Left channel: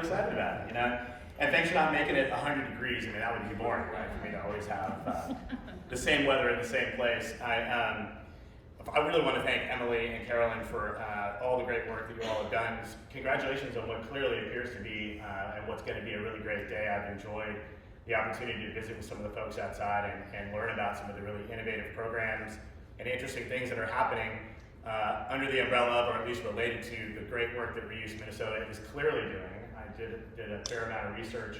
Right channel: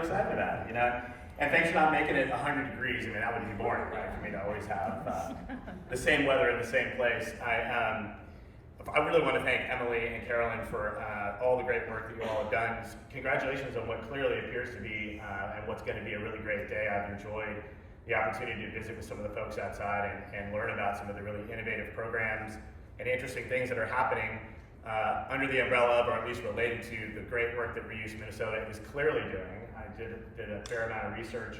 really excited about it, you know? And thanks for not making it 100 degrees. I mean, that would be boring, right? For me to always have the same weather in the same place. I really want to thank Emily and Carolyn for all the great work that you all have done. Congratulations on what clearly appears to be and what's going to be a really great day. I've enjoyed the opportunity to visit with some of the folks outside and learn about some of the really innovative programs and interesting things that are happening under the umbrella of, or at least related to, the great work that REUSE Minnesota is clearly doing. I did a fair amount of research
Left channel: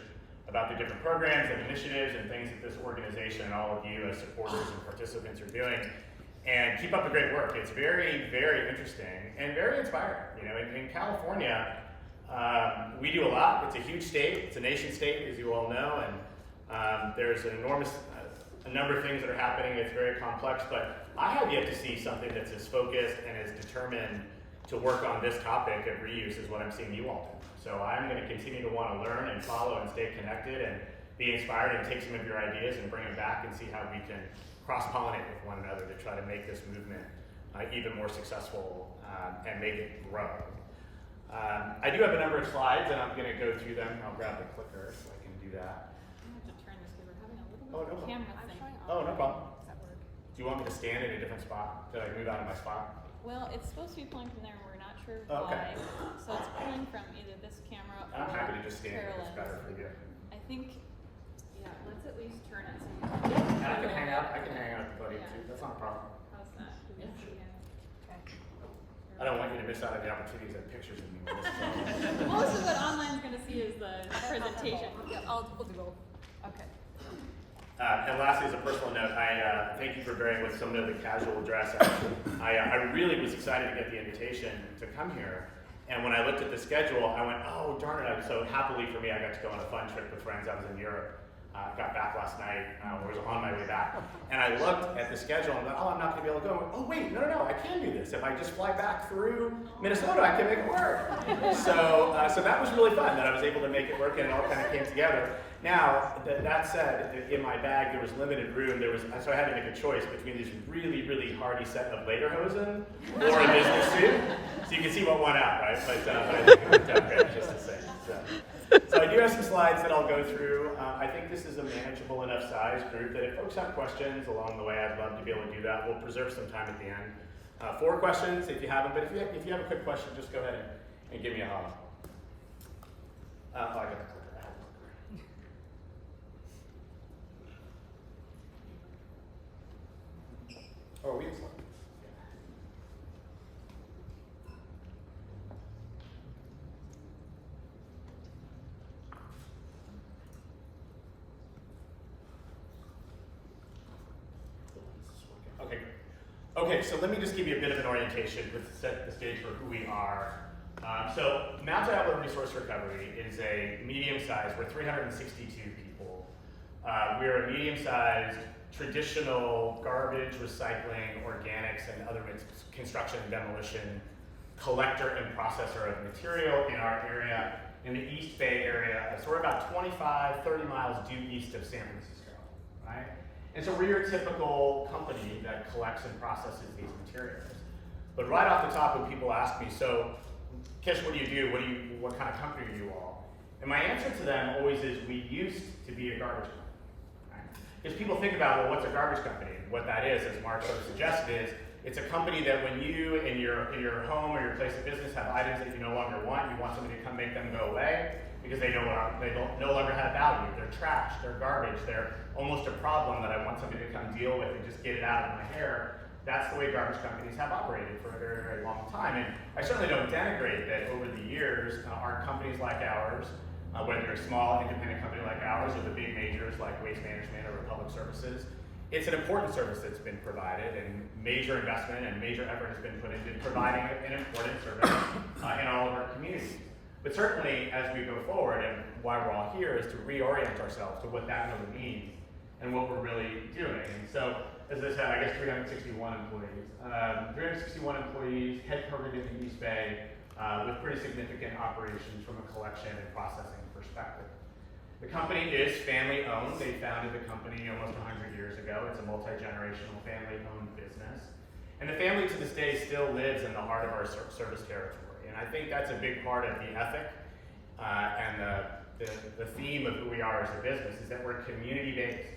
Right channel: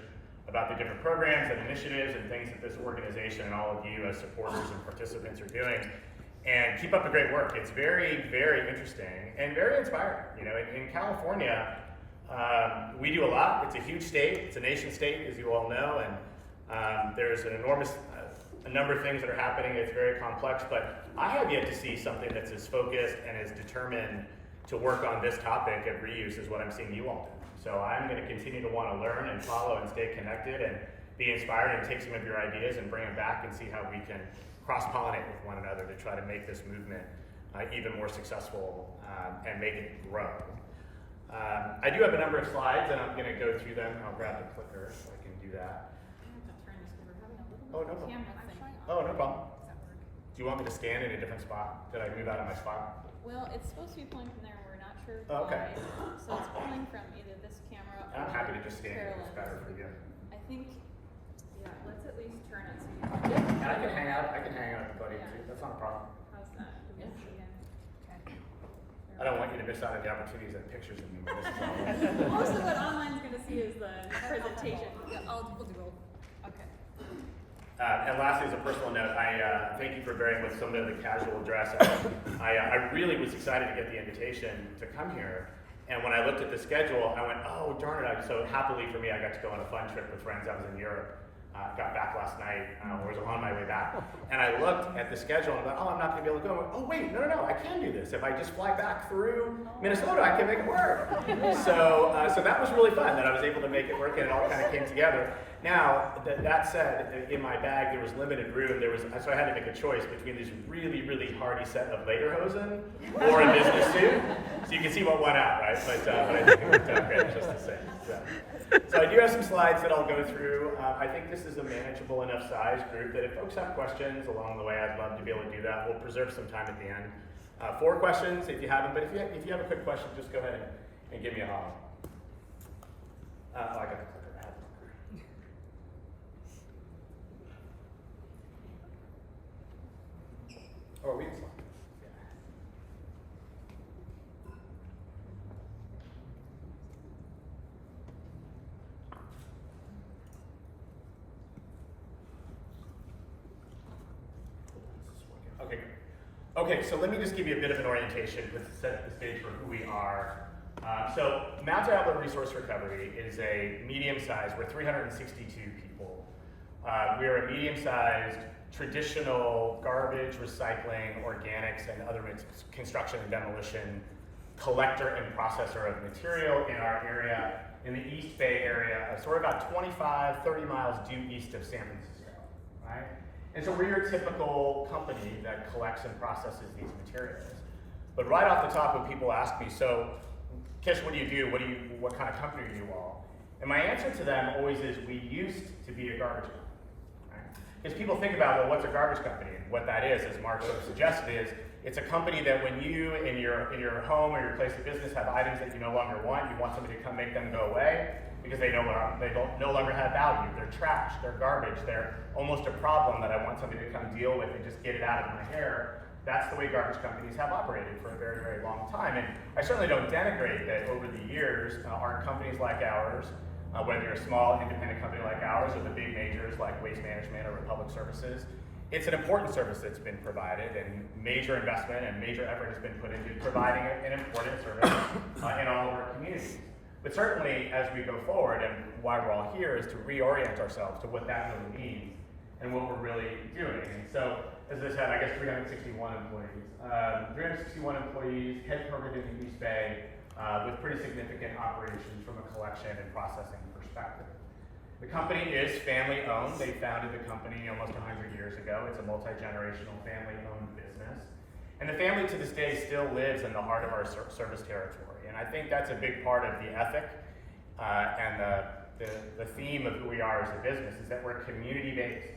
about the different programs and initiatives and things that this organization and all of you as supporters and participants are doing. And keep up the great work. It's very, very interesting and very inspiring. You know, in California, we do a lot. It's a huge state. It's a nation state, as you all know, and there's an enormous a number of things that are happening. It's very complex, but I have yet to see something that's as focused and as determined to work on this topic of reuse as what I'm seeing you all do. So I'm going to continue to want to learn and follow and stay connected and be inspired and take some of your ideas and bring them back and see how we can cross-pollinate with one another to try to make this movement even more successful and make it grow. I do have a number of slides and I'm going to go through them. I'll grab the clicker so I can do that. I have to turn this because we're having a little Oh, no problem. camera thing. Oh, no problem. Does that work? Do you want me to stand in a different spot? Did I move out of my spot? Well, it's supposed to be pulling from there and we're not sure Oh, okay. why. So it's pulling from either this camera or I'm happy to just stand here. It's better for you. I think, yeah, let's at least turn it so you And I can hang out. I can hang out at the podium too. That's not a problem. How's that? Do we see again? I don't want you to miss out on the opportunities of pictures of me when this is all over. Most of what online's going to see is the presentation. We'll do both. Okay. And lastly, as a personal note, I thank you for bearing with some of the casual dress. I really was excited to get the invitation to come here. And when I looked at the schedule, I went, oh, darn it. So happily for me, I got to go on a fun trip with friends. I was in Europe. Got back last night, or was on my way back. And I looked at the schedule and thought, oh, I'm not going to be able to go. Oh, wait, no, I can do this. If I just fly back through Minnesota, I can make it work. So that was really fun that I was able to make it work and it all kind of came together. Now, that said, in my bag, there was limited room. So I had to make a choice between these really, really hardy set of lederhosen or a business suit. So you can see what won out, right? But I think it worked out great, just to say. So I do have some slides that I'll go through. I think this is a manageable enough size group that if folks have questions along the way, I'd love to be able to do that. We'll preserve some time at the end. 4 questions if you have them, but if you have a quick question, just go ahead and give me a holler. Oh, I got the clicker. I have the clicker. Oh, we have slides. Okay, so let me just give you a bit of an orientation to set the stage for who we are. So Mount Diablo Resource Recovery is a medium-sized, we're 362 people. We're a medium-sized traditional garbage, recycling, organics, and other construction and demolition collector and processor of material in our area, in the East Bay area. So we're about 25, 30 miles due east of San Francisco, right? And so we're your typical company that collects and processes these materials. But right off the top, when people ask me, so Kish, what do you do? What kind of company are you all? And my answer to them always is, we used to be a garbage company. Right? Because people think about, well, what's a garbage company? What that is, as Mark sort of suggested, is it's a company that when you in your home or your place of business have items that you no longer want, you want somebody to come make them go away because they no longer have value. They're trash, they're garbage, they're almost a problem that I want somebody to come deal with and just get it out of my hair. That's the way garbage companies have operated for a very, very long time. And I certainly don't denigrate that over the years, our companies like ours, whether you're a small independent company like ours or the big majors like Waste Management or Republic Services, it's an important service that's been provided, and major investment and major effort has been put into providing an important service in all of our communities. But certainly, as we go forward, and why we're all here, is to reorient ourselves to what that really means and what we're really doing. And so, as I said, I guess 361 employees. 361 employees, headquartered in the East Bay, with pretty significant operations from a collection and processing perspective. The company is family-owned. They founded the company almost 100 years ago. It's a multi-generational family-owned business. And the family to this day still lives in the heart of our service territory. And I think that's a big part of the ethic And the theme of who we are as a business is that we're community-based.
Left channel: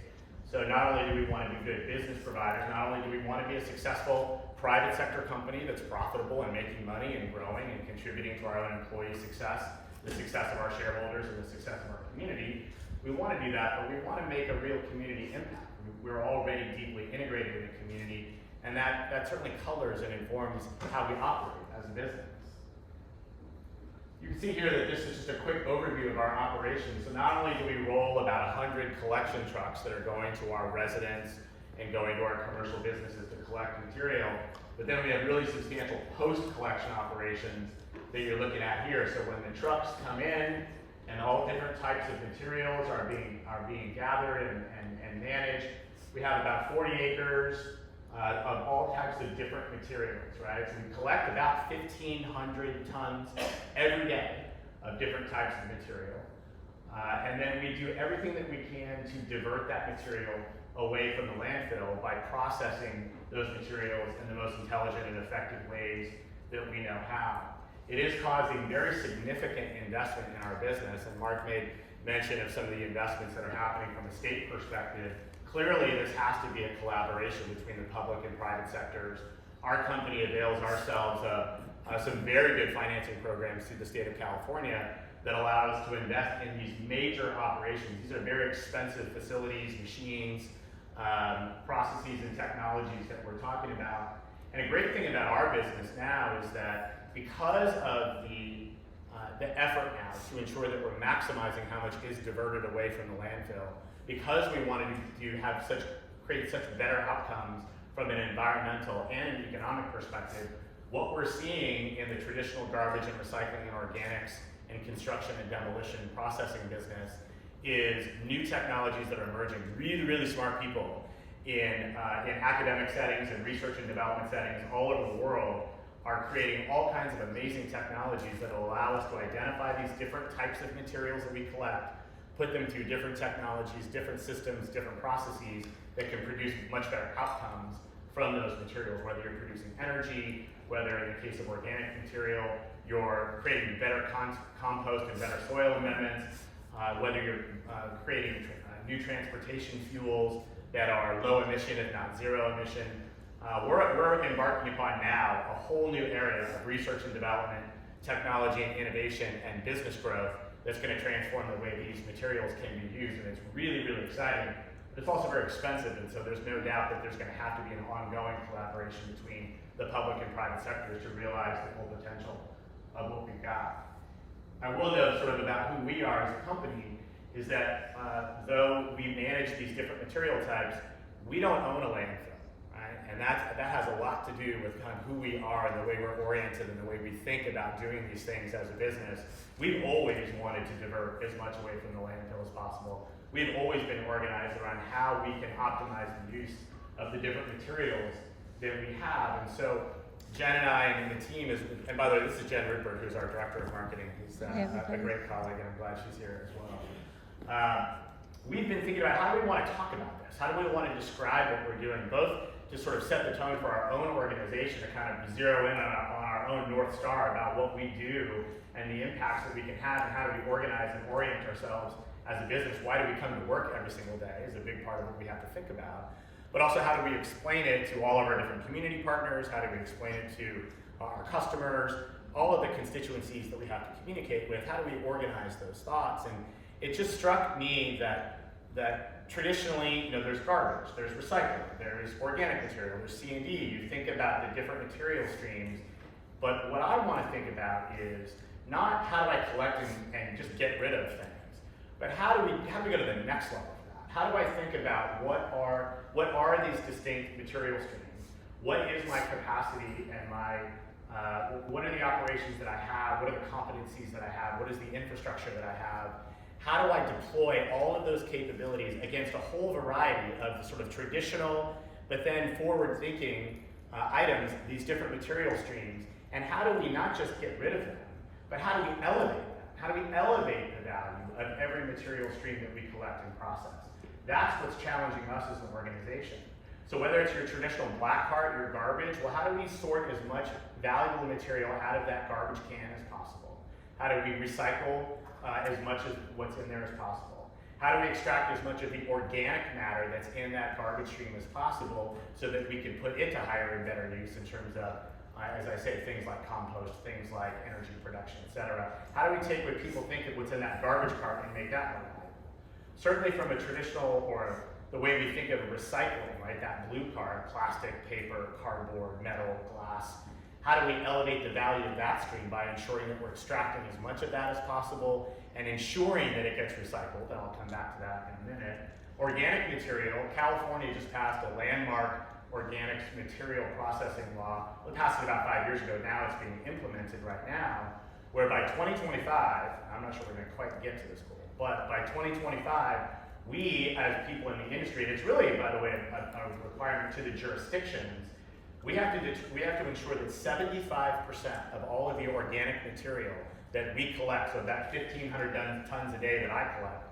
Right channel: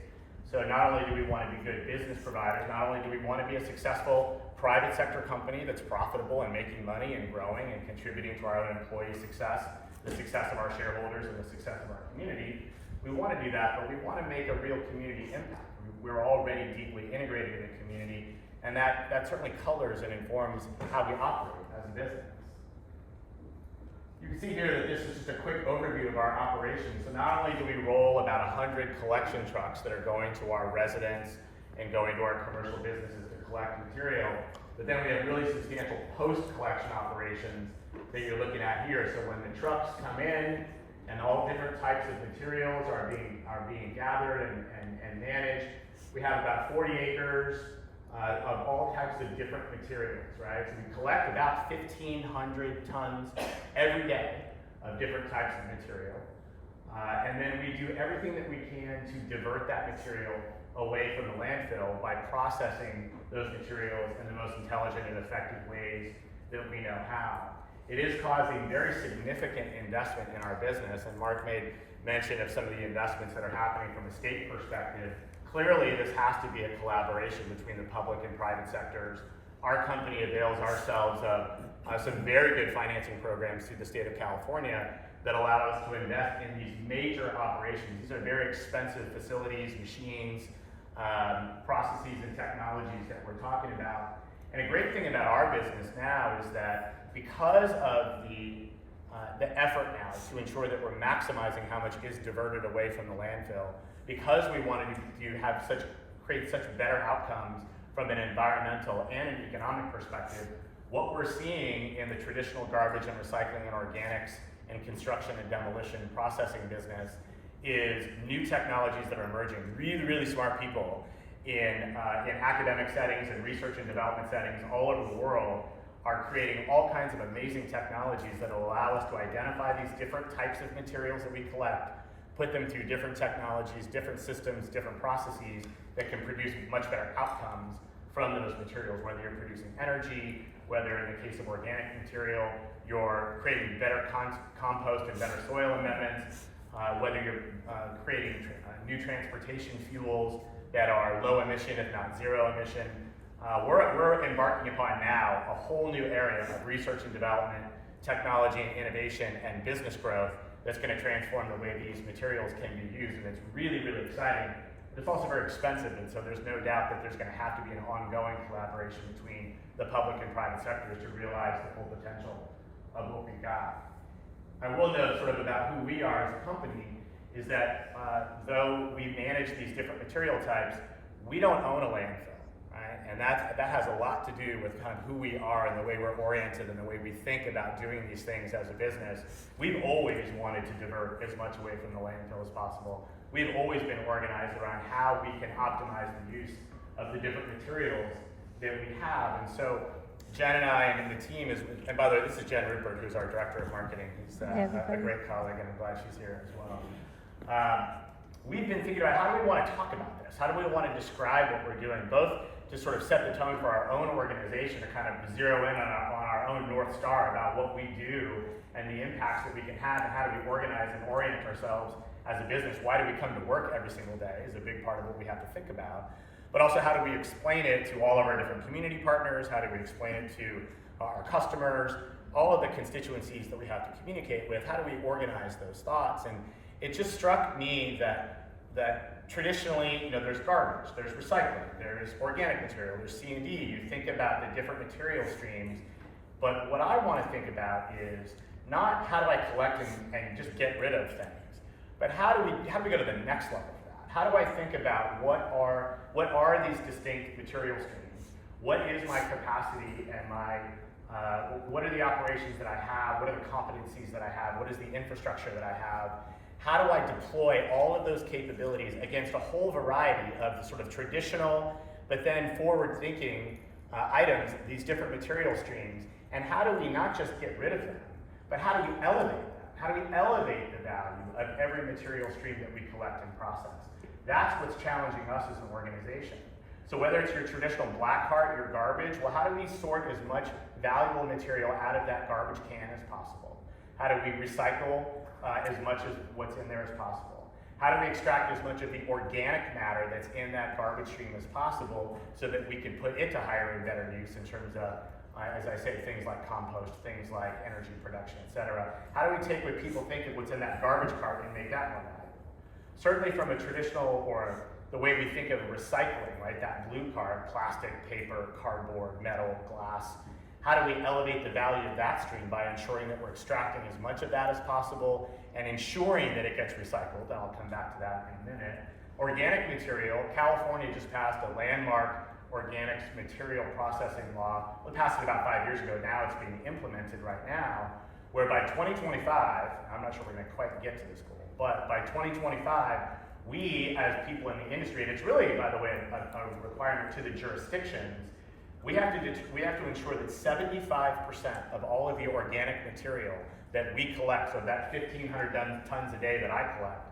So not only do we want to be good business providers, not only do we want to be a successful private sector company that's profitable and making money and growing and contributing to our own employee success, the success of our shareholders and the success of our community, we want to do that, but we want to make a real community impact. We're already deeply integrated in the community, and that certainly colors and informs how we operate as a business. You can see here that this is just a quick overview of our operations. So not only do we roll about 100 collection trucks that are going to our residents and going to our commercial businesses to collect material, but then we have really substantial post-collection operations that you're looking at here. So when the trucks come in and all different types of materials are being gathered and managed, we have about 40 acres of all types of different materials, right? So we collect about 1,500 tons every day of different types of material. And then we do everything that we can to divert that material away from the landfill by processing those materials in the most intelligent and effective ways that we know how. It is causing very significant investment in our business, and Mark made mention of some of the investments that are happening from a state perspective. Clearly, this has to be a collaboration between the public and private sectors. Our company avails ourselves of some very good financing programs through the state of California that allow us to invest in these major operations. These are very expensive facilities, machines, processes, and technologies that we're talking about. And a great thing about our business now is that because of the effort now to ensure that we're maximizing how much is diverted away from the landfill, because we wanted to have create such better outcomes from an environmental and an economic perspective, what we're seeing in the traditional garbage and recycling and organics and construction and demolition processing business is new technologies that are emerging. Really, really smart people in academic settings and research and development settings all over the world are creating all kinds of amazing technologies that will allow us to identify these different types of materials that we collect, put them through different technologies, different systems, different processes that can produce much better outcomes from those materials, whether you're producing energy, whether in the case of organic material, you're creating better compost and better soil amendments, whether you're creating new transportation fuels that are low emission, if not zero emission. We're embarking upon now a whole new area of research and development, technology and innovation, and business growth that's going to transform the way these materials can be used, and it's really, really exciting. But it's also very expensive, and so there's no doubt that there's going to have to be an ongoing collaboration between the public and private sectors to realize the full potential of what we've got. I will note sort of about who we are as a company is that though we manage these different material types, we don't own a landfill, right? And that has a lot to do with kind of who we are and the way we're oriented and the way we think about doing these things as a business. We've always wanted to divert as much away from the landfill as possible. We've always been organized around how we can optimize the use of the different materials that we have. And so Jen and I and the team and by the way, this is Jen Rupert, who's our director of marketing. Who's a great colleague, and I'm glad she's here as well. We've been thinking about how do we want to talk about this? How do we want to describe what we're doing, both to sort of set the tone for our own organization, to kind of zero in on our own North Star about what we do and the impacts that we can have, and how do we organize and orient ourselves as a business. Why do we come to work every single day is a big part of what we have to think about. But also, how do we explain it to all of our different community partners? How do we explain it to our customers? All of the constituencies that we have to communicate with, how do we organize those thoughts? And it just struck me that traditionally, there's garbage, there's recycling, there's organic material, there's C&D. You think about the different material streams, but what I want to think about is not how do I collect and just get rid of things, but how do we go to the next level of that? How do I think about what are these distinct material streams? What is my capacity and what are the operations that I have? What are the competencies that I have? What is the infrastructure that I have? How do I deploy all of those capabilities against a whole variety of the sort of traditional, but then forward-thinking items, these different material streams? And how do we not just get rid of them, but how do we elevate them? How do we elevate the value of every material stream that we collect and process? That's what's challenging us as an organization. So whether it's your traditional black cart, your garbage, well, how do we sort as much valuable material out of that garbage can as possible? How do we recycle as much as what's in there as possible? How do we extract as much of the organic matter that's in that garbage stream as possible so that we can put it to higher and better use in terms of, as I say, things like compost, things like energy production, et cetera? How do we take what people think of what's in that garbage cart and make that more valuable? Certainly from a traditional, or the way we think of recycling, right? That blue card, plastic, paper, cardboard, metal, glass. How do we elevate the value of that stream by ensuring that we're extracting as much of that as possible and ensuring that it gets recycled? And I'll come back to that in a minute. Organic material, California just passed a landmark organics material processing law. We passed it about 5 years ago. Now it's being implemented right now, where by 2025, I'm not sure we're going to quite get to this goal, but by 2025, we as people in the industry, and it's really, by the way, a requirement to the jurisdictions, we have to ensure that 75% of all of the organic material that we collect, so that 1,500 tons a day that I collect,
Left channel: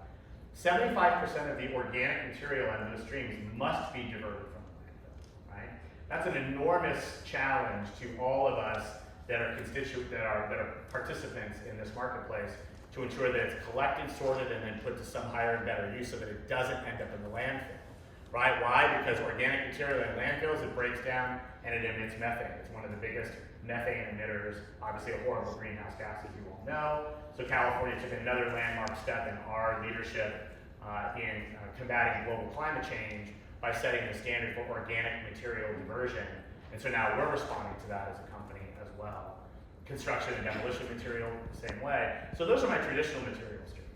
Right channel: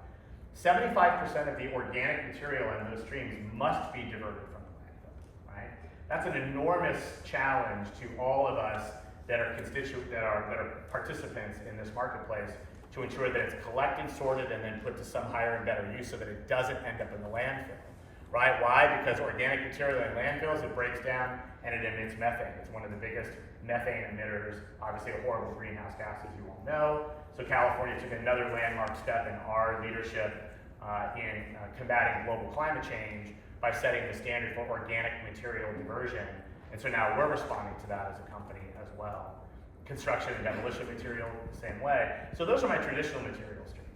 75% of the organic material in those streams must be diverted from the landfill, right? That's an enormous challenge to all of us that are participants in this marketplace, to ensure that it's collected, sorted, and then put to some higher and better use so that it doesn't end up in the landfill, right? Why? Because organic material in landfills, it breaks down and it emits methane. It's one of the biggest methane emitters, obviously a horrible greenhouse gas, as you all know. So California took another landmark step in our leadership in combating global climate change by setting the standard for organic material diversion. And so now we're responding to that as a company as well. Construction and demolition material, the same way. So those are my traditional material streams.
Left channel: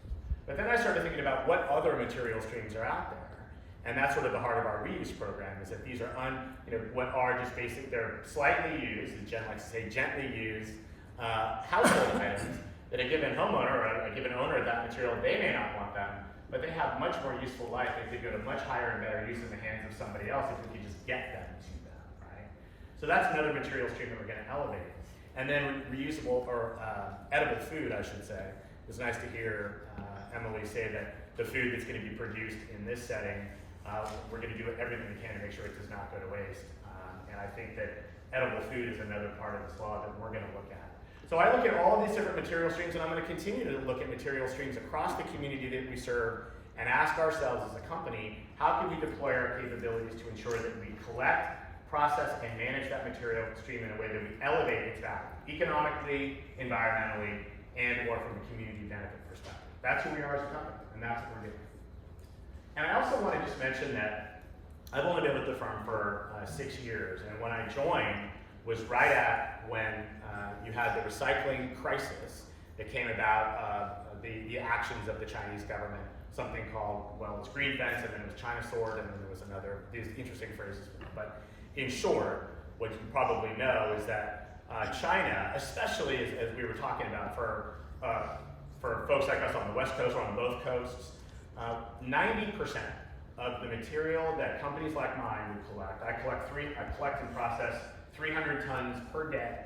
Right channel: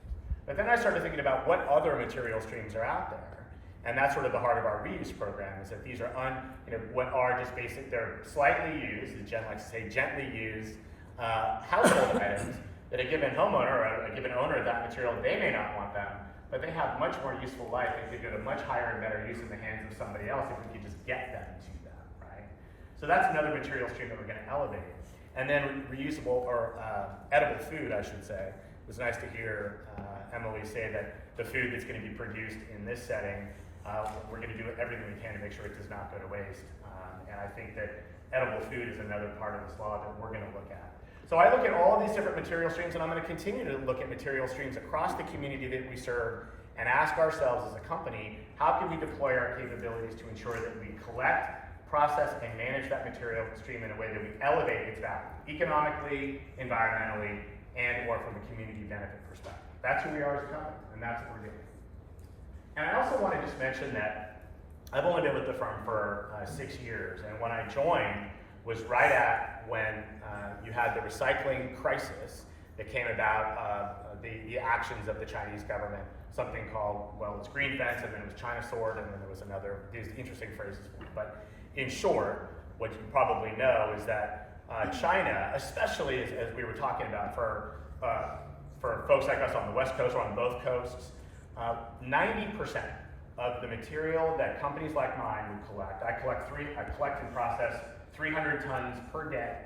But then I started thinking about what other material streams are out there. And that's sort of the heart of our reuse program, is that these are what are just basic, they're slightly used, as Jen likes to say, gently used household items that a given homeowner or a given owner of that material, they may not want them, but they have much more useful life. They could go to much higher and better use in the hands of somebody else if we could just get them to that, right? So that's another material stream that we're going to elevate. And then reusable, or edible food, I should say. It was nice to hear Emily say that the food that's going to be produced in this setting, we're going to do everything we can to make sure it does not go to waste. And I think that edible food is another part of this law that we're going to look at. So I look at all of these different material streams, and I'm going to continue to look at material streams across the community that we serve and ask ourselves as a company, how can we deploy our capabilities to ensure that we collect, process, and manage that material stream in a way that we elevate its value, economically, environmentally, and or from a community benefit perspective. That's who we are as a company, and that's what we're doing. And I also want to just mention that I've only been with the firm for 6 years, and when I joined was right at when you had the recycling crisis that came about, the actions of the Chinese government, something called, well, it's green fence, and then it was China sword, and then there was another, these interesting phrases. But in short, what you probably know is that China, especially as we were talking about for folks like us on the West Coast or on both coasts, 90% of the material that companies like mine would collect, I collect and process 300 tons per day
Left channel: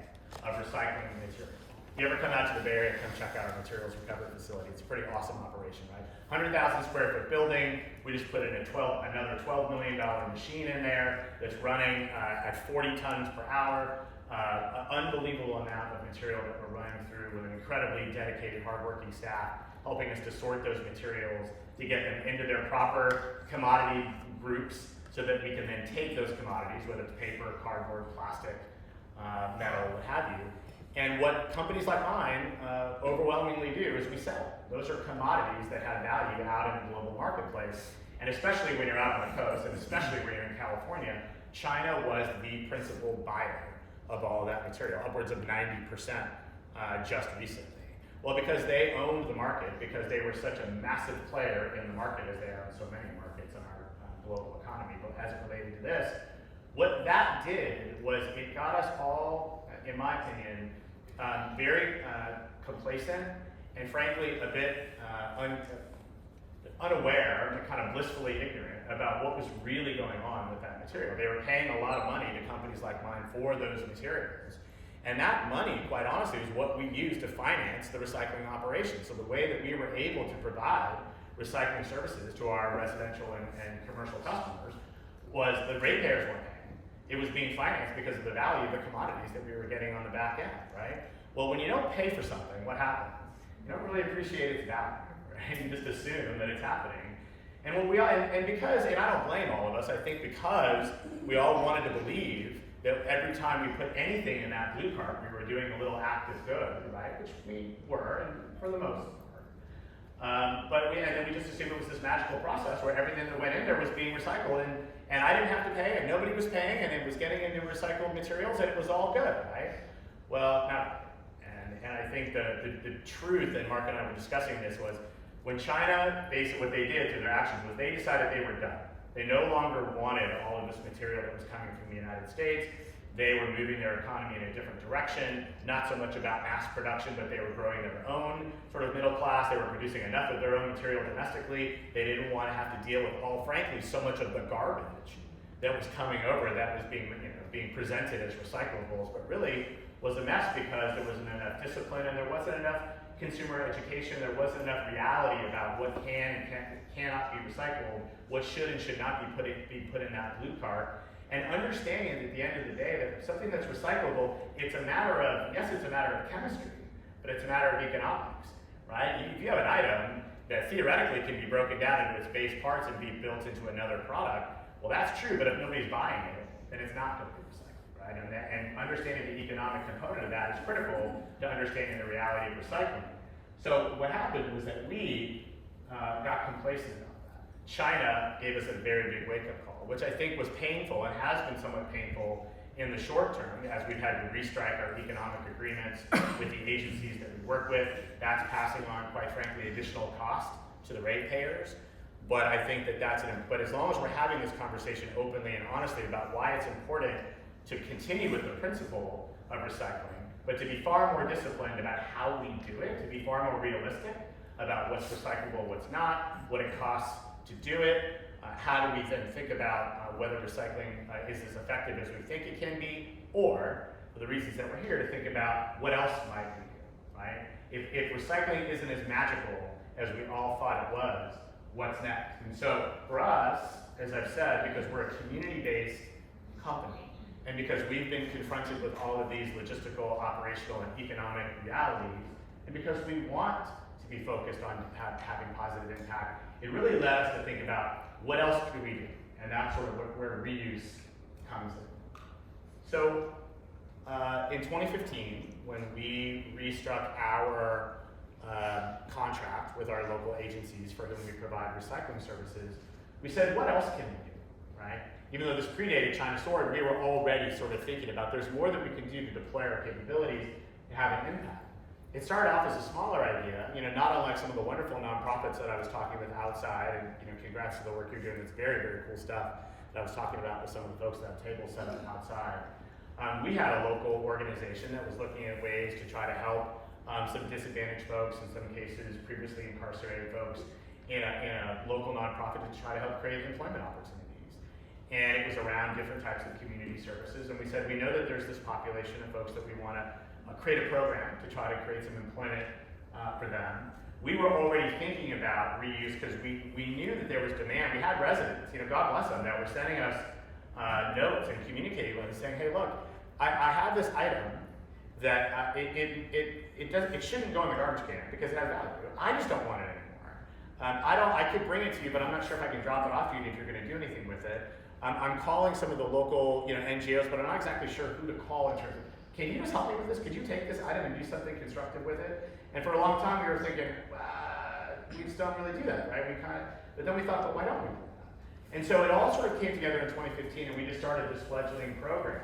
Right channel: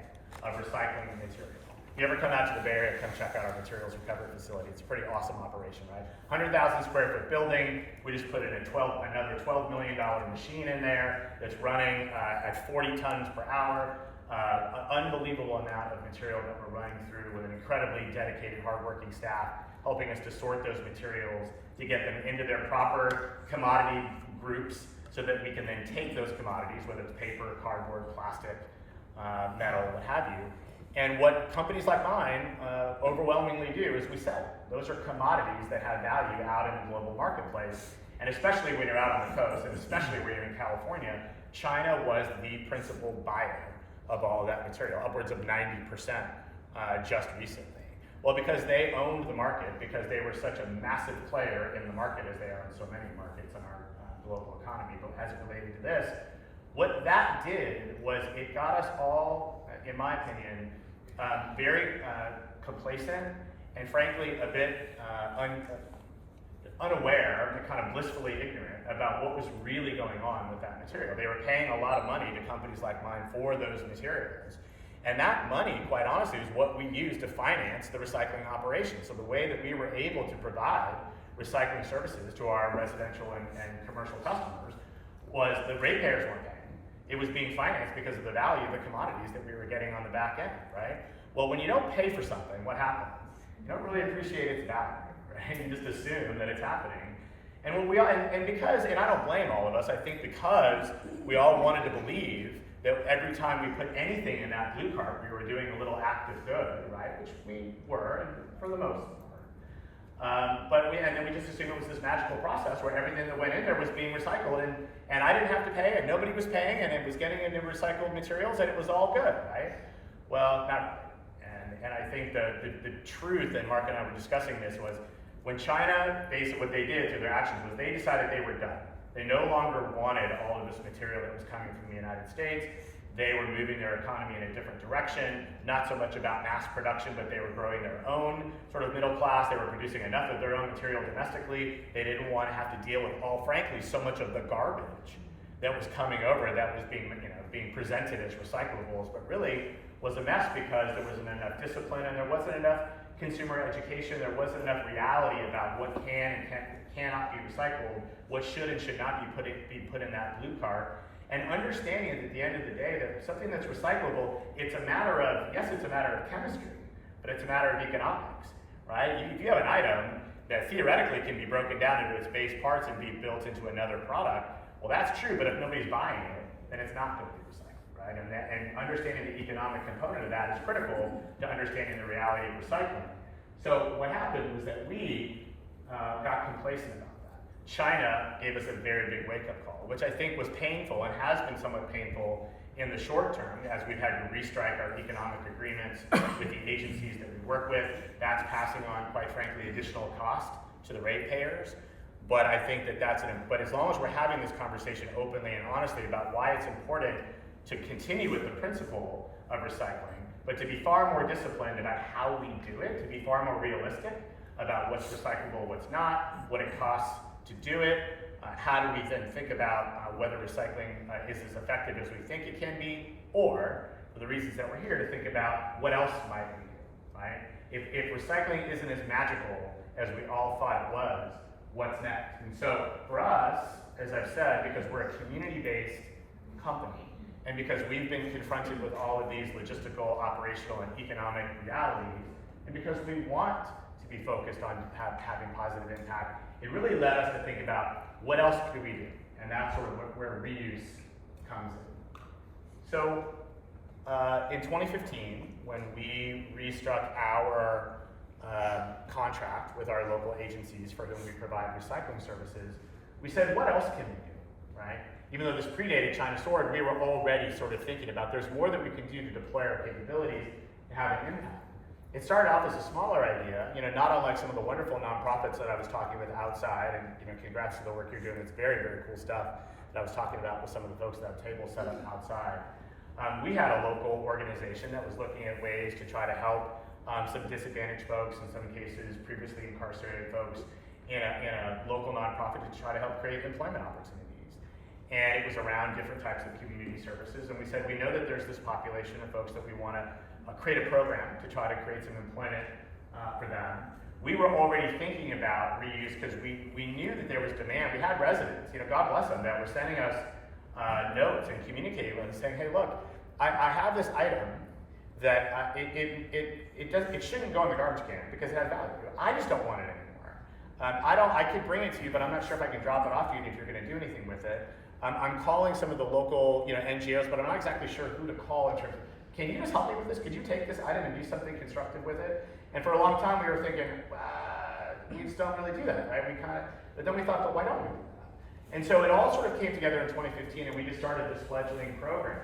of recycling material. If you ever come out to the Bay Area, come check out our materials recovery facility. It's a pretty awesome operation, right? 100,000 square foot building. We just put in another $12 million machine in there that's running at 40 tons per hour. An unbelievable amount of material that we're running through with an incredibly dedicated, hardworking staff, helping us to sort those materials, to get them into their proper commodity groups, so that we can then take those commodities, whether it's paper, cardboard, plastic, metal, what have you. And what companies like mine overwhelmingly do is we sell. Those are commodities that have value out in the global marketplace. And especially when you're out on the coast, and especially when you're in California, China was the principal buyer of all of that material, upwards of 90% just recently. Well, because they owned the market, because they were such a massive player in the market, as they are in so many markets in our global economy. But as it related to this, what that did was it got us all, in my opinion, very complacent and frankly a bit unaware and kind of blissfully ignorant about what was really going on with that material. They were paying a lot of money to companies like mine for those materials. And that money, quite honestly, is what we use to finance the recycling operation. So the way that we were able to provide recycling services to our residential and commercial customers was the ratepayers weren't paying. It was being financed because of the value of the commodities that we were getting on the back end, right? Well, when you don't pay for something, what happens? you don't really appreciate its value, right? You just assume that it's happening. And what we all, and because, and I don't blame all of us, I think because we all wanted to believe that every time we put anything in that blue cart, we were doing a little act of good, right? Which we were, for the most part. And then we just assumed it was this magical process where everything that went in there was being recycled, and I didn't have to pay, and nobody was paying, and it was getting into recycled materials, and it was all good, right? Well, not, and I think the truth, and Mark and I were discussing this, was when China, basically what they did through their actions was they decided they were done. They no longer wanted all of this material that was coming from the United States. They were moving their economy in a different direction, not so much about mass production, but they were growing their own sort of middle class. They were producing enough of their own material domestically. They didn't want to have to deal with, frankly, so much of the garbage that was coming over that was being presented as recyclables, but really was a mess because there wasn't enough discipline and there wasn't enough consumer education, there wasn't enough reality about what can and cannot be recycled, what should and should not be put in that blue cart, and understanding that at the end of the day that something that's recyclable, it's a matter of, yes, it's a matter of chemistry, but it's a matter of economics, right? If you have an item that theoretically can be broken down into its base parts and be built into another product, well, that's true, but if nobody's buying it, then it's not going to be recycled, right? And understanding the economic component of that is critical to understanding the reality of recycling. So what happened was that we got complacent about that. China gave us a very big wake-up call, which I think was painful and has been somewhat painful in the short term as we've had to restrike our economic agreements with the agencies that we work with. That's passing on, quite frankly, additional cost to the ratepayers. But I think but as long as we're having this conversation openly and honestly about why it's important to continue with the principle of recycling, but to be far more disciplined about how we do it, to be far more realistic about what's recyclable, what's not, what it costs to do it, how do we then think about whether recycling is as effective as we think it can be, or, for the reasons that we're here, to think about what else might we do, right? If recycling isn't as magical as we all thought it was, what's next? And so for us, as I've said, because we're a community-based company, and because we've been confronted with all of these logistical, operational, and economic realities, and because we want to be focused on having positive impact, it really led us to think about what else could we do? And that's sort of where reuse comes in. So in 2015, when we restruck our contract with our local agencies for whom we provide recycling services, we said, what else can we do, right? Even though this predated China Sword, we were already sort of thinking about there's more that we can do to deploy our capabilities and have an impact. It started off as a smaller idea, not unlike some of the wonderful nonprofits that I was talking with outside, and congrats to the work you're doing. It's very, very cool stuff that I was talking about with some of the folks that have tables set up outside. We had a local organization that was looking at ways to try to help some disadvantaged folks, in some cases previously incarcerated folks, in a local nonprofit to try to help create employment opportunities. And it was around different types of community services, and we said, we know that there's this population of folks that we want to create a program to try to create some employment for them. We were already thinking about reuse because we knew that there was demand. We had residents, God bless them, that were sending us notes and communicating with us saying, hey, look, I have this item that it shouldn't go in the garbage can because it has value. I just don't want it anymore. I could bring it to you, but I'm not sure if I can drop it off to you if you're going to do anything with it. I'm calling some of the local NGOs, but I'm not exactly sure who to call in terms of, can you just help me with this? Could you take this item and do something constructive with it? And for a long time we were thinking, we just don't really do that, right? But then we thought, but why don't we do that? And so it all sort of came together in 2015, and we just started this fledgling program,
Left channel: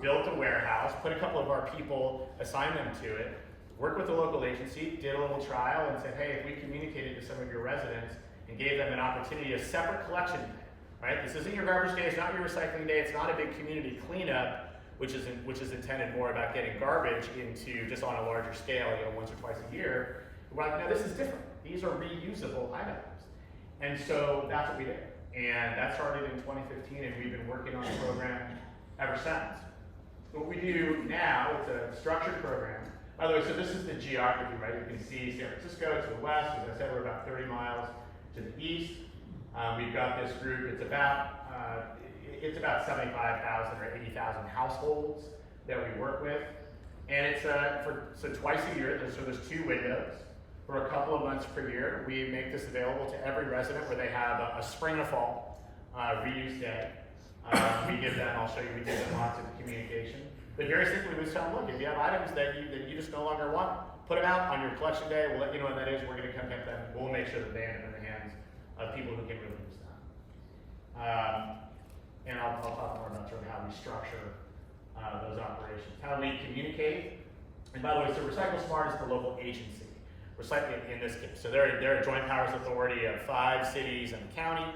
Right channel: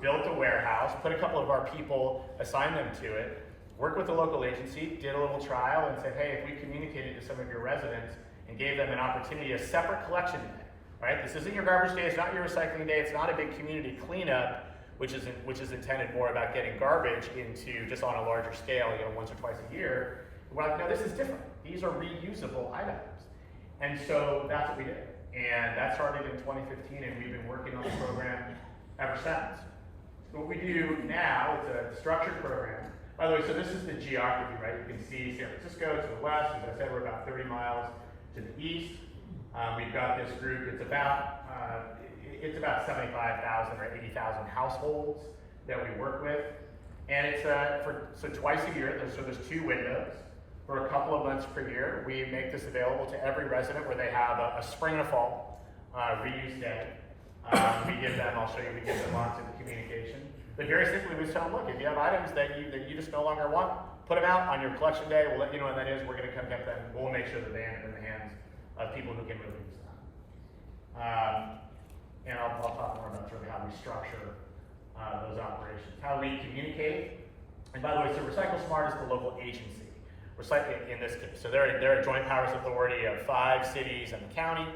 built a warehouse, put a couple of our people, assigned them to it, worked with the local agency, did a little trial, and said, hey, if we communicated to some of your residents and gave them an opportunity, a separate collection day, right? This isn't your garbage day, it's not your recycling day, it's not a big community cleanup, which is intended more about getting garbage into just on a larger scale, once or twice a year. We're like, no, this is different. These are reusable items. And so that's what we did. And that started in 2015, and we've been working on the program ever since. What we do now, it's a structured program. By the way, so this is the geography, right? You can see San Francisco to the west. As I said, we're about 30 miles to the east. We've got this group, it's about 75,000 or 80,000 households that we work with. And it's so twice a year, there's two windows. for a couple of months per year. We make this available to every resident where they have a spring and a fall reuse day. We give them, I'll show you, we give them lots of communication. But very simply, we just tell them, look, if you have items that you just no longer want, put them out on your collection day. We'll let you know what that is. We're going to come get them. We'll make sure that they end up in the hands of people who can really use them. And I'll talk more about sort of how we structure those operations, how we communicate. And by the way, so Recycle Smart is the local agency. Recycling in this case. So they're a joint powers authority of 5 cities and the county.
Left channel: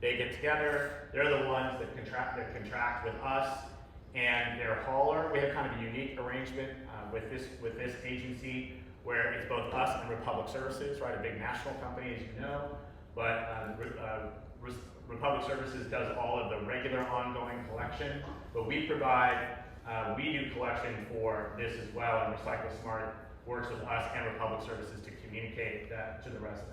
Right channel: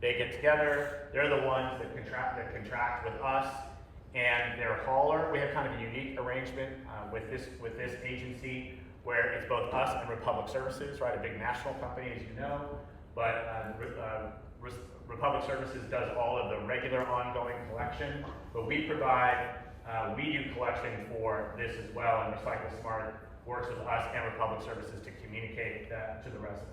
They get together. They're the ones that contract with us and their hauler. We have kind of a unique arrangement with this agency where it's both us and Republic Services, right? A big national company, as you know, but Republic Services does all of the regular ongoing collection, but we provide, we do collection for this as well, and Recycle Smart works with us and Republic Services to communicate that to the residents.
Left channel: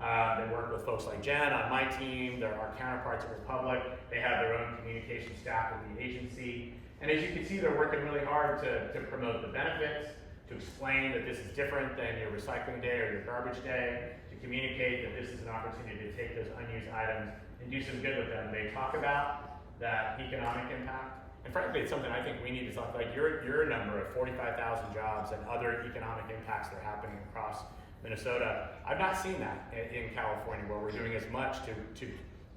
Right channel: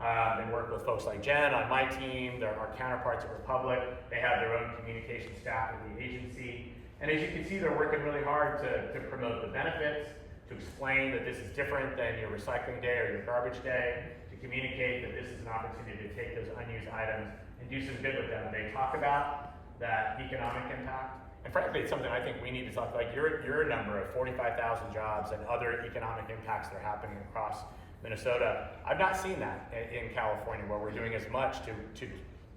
They work with folks like Jen on my team. They're our counterparts at Republic. They have their own communication staff in the agency. And as you can see, they're working really hard to promote the benefits, to explain that this is different than your recycling day or your garbage day, to communicate that this is an opportunity to take those unused items and do some good with them. They talk about that economic impact. And frankly, it's something I think we need to talk about. Your number of 45,000 jobs and other economic impacts that are happening across Minnesota. I've not seen that in California, where we're doing as much to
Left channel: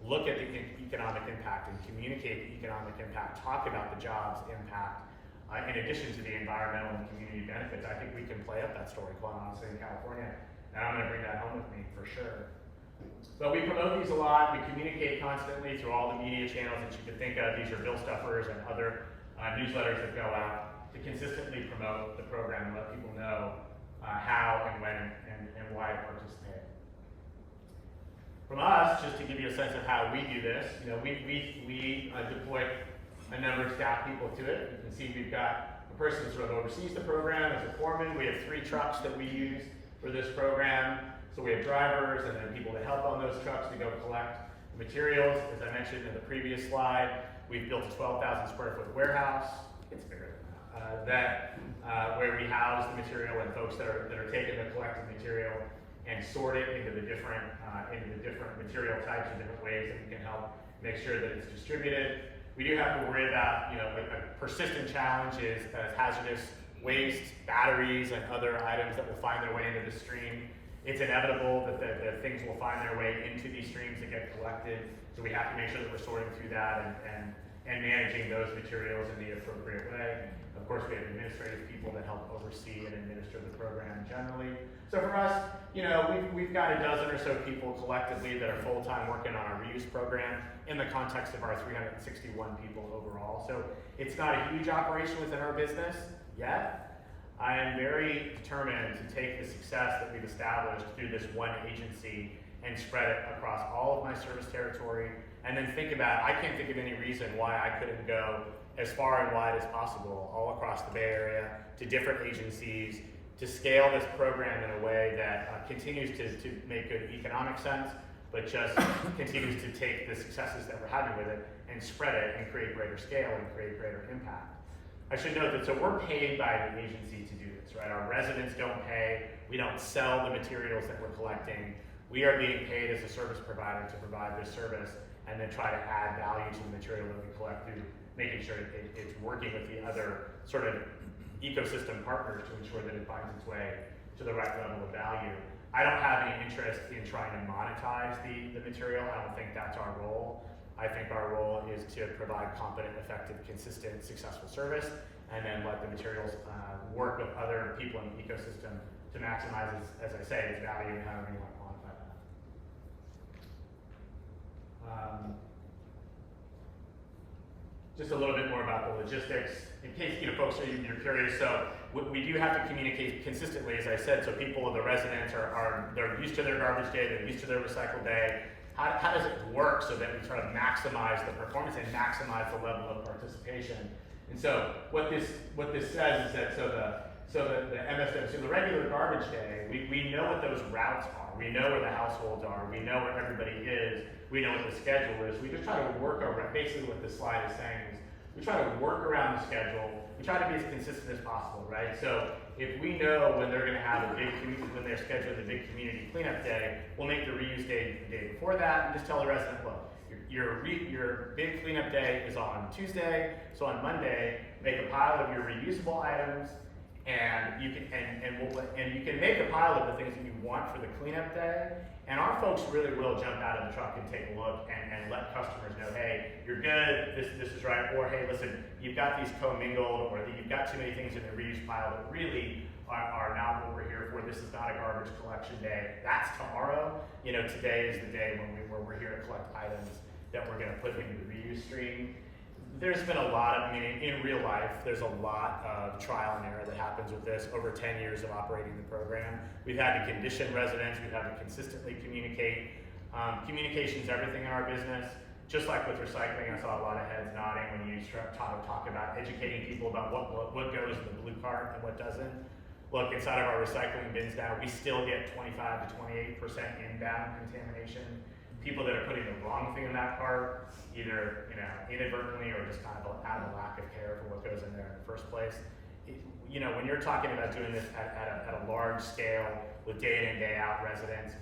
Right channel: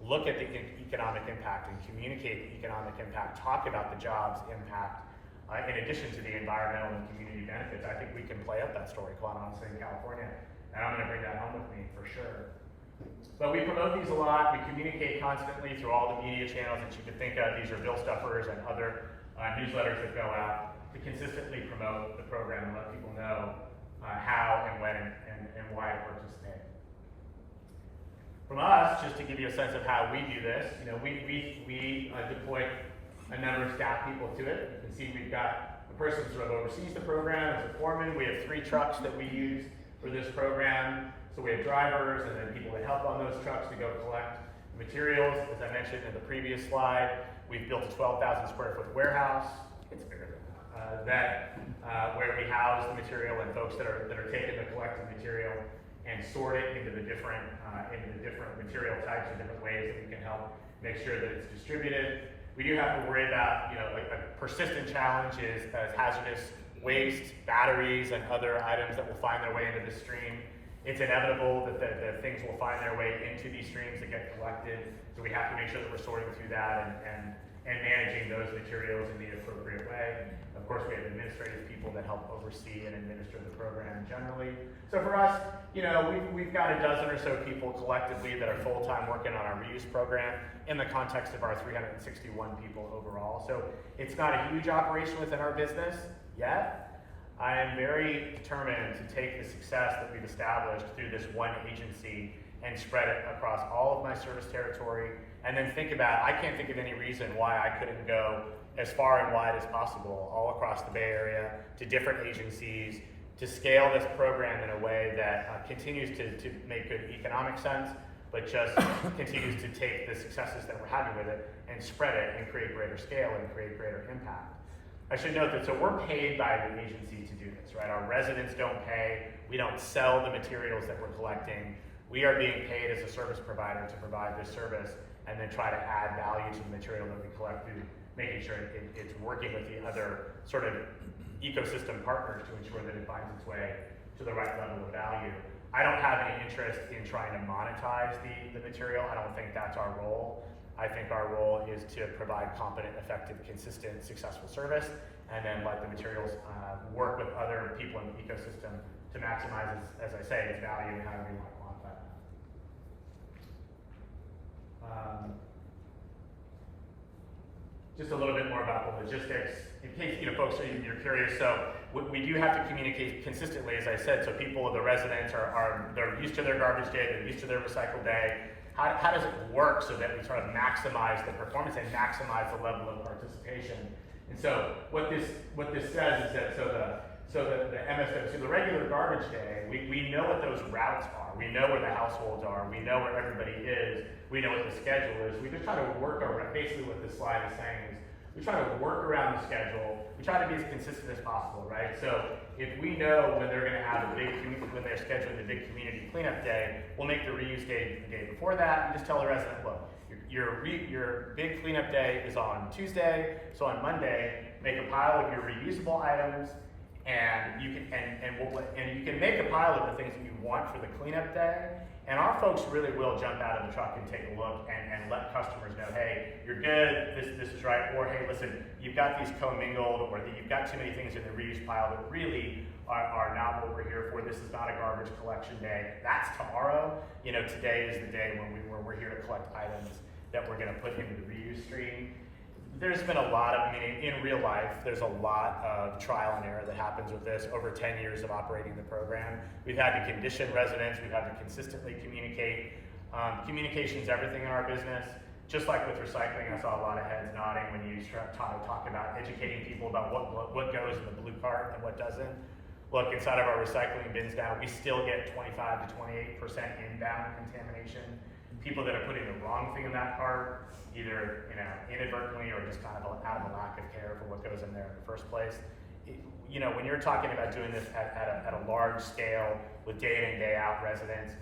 look at the economic impact and communicate the economic impact, talk about the jobs impact, in addition to the environmental and community benefits. I think we can play up that story, quite honestly, in California, and I'm going to bring that home with me for sure. But we promote these a lot. We communicate constantly through all the media channels that you could think of. These are bill stuffers and other newsletters that go out to consistently promote the program and let people know how and when and why to participate. From us, just to give you a sense of how we do this, we deploy a number of staff people to it. You can see we've got a person who sort of oversees the program as a foreman. We have 3 trucks that we use for this program. So we have drivers and then people that help on those trucks to go collect the materials. As I mentioned in the previous slide, we've built a 12,000 square foot warehouse. It's bigger than that. Where we house the material and folks that are taking the collected material and sort it into the different material types and different ways that we can help make sure that it's distributed. We do have to worry about, a persistent challenge is hazardous waste, batteries, and other items that will find their way into the stream. It's inevitable that the things will find their way into these streams that get collected, so we have to make sure that we're sorting through that and managing those materials in the appropriate way. Of course, we have administrative people that help oversee and administer the program generally. So for us, we've got a dozen or so people collectively that are full-time working on our reuse program in the context of our 361 people overall. So it's not a huge operation within our business yet. I am very determined to take the success that we've established through this one agency and spread it across all of my service territory. And then I can't think of any reason why I couldn't go as far and wide as possible all across the Bay Area to different agencies to scale this program in a way that continues to make good economic sense, but just continues to take the successes that we're having with it and spread it and create greater scale and create greater impact. I should note that, so we're paid by the agency to do this, right? Our residents don't pay. We don't sell the materials that we're collecting. We are being paid as a service provider to provide this service and then try to add value to the material that we collect through making sure it's working with the other sort of ecosystem partners to ensure that it finds its way to the right level of value. I don't have any interest in trying to monetize the material. I don't think that's our role. I think our role is to provide competent, effective, consistent, successful service, and then let the materials work with other people in the ecosystem to maximize, as I say, its value and however you want to quantify that. Just a little bit more about the logistics. In case folks you're curious, so we do have to communicate consistently, as I said, so people, the residents they're used to their garbage day, they're used to their recycle day. How does it work so that we sort of maximize the performance and maximize the level of participation? And so what this says is that so the MSW, so the regular garbage day, we know what those routes are. We know where the households are. We know where everybody is. We know what the schedule is. We just try to work around, basically what this slide is saying is we try to work around the schedule we try to be as consistent as possible, right? So if we know when they're gonna have a big, when they're scheduling the big community cleanup day, we'll make the reuse day the day before that and just tell the resident, look, your big cleanup day is on Tuesday, so on Monday, make a pile of your reusable items, and you can make a pile of the things that you want for the cleanup day, and our folks really will jump out of the truck and take a look and let customers know, hey, you're good, this is right, or hey, listen, you've got these commingled, or you've got too many things in the reuse pile that really are not what we're here for. This is not a garbage collection day. That's tomorrow. You know, today is the day when we're here to collect items that we're going to put into the reuse stream. There's been a lot of, I mean, in real life, there's a lot of trial and error that happens with this over 10 years of operating the program. We've had to condition residents, we've had to consistently communicate. Communication's everything in our business. Just like with recycling, I saw a lot of heads nodding when you talk about educating people about what goes in the blue cart and what doesn't. Look, inside of our recycling bins now, we still get 25 to 28% inbound contamination. People that are putting the wrong thing in that cart, either inadvertently or just kind of out of a lack of care for what goes in there in the first place. When you're talking about doing this at a large scale with day in and day out residents,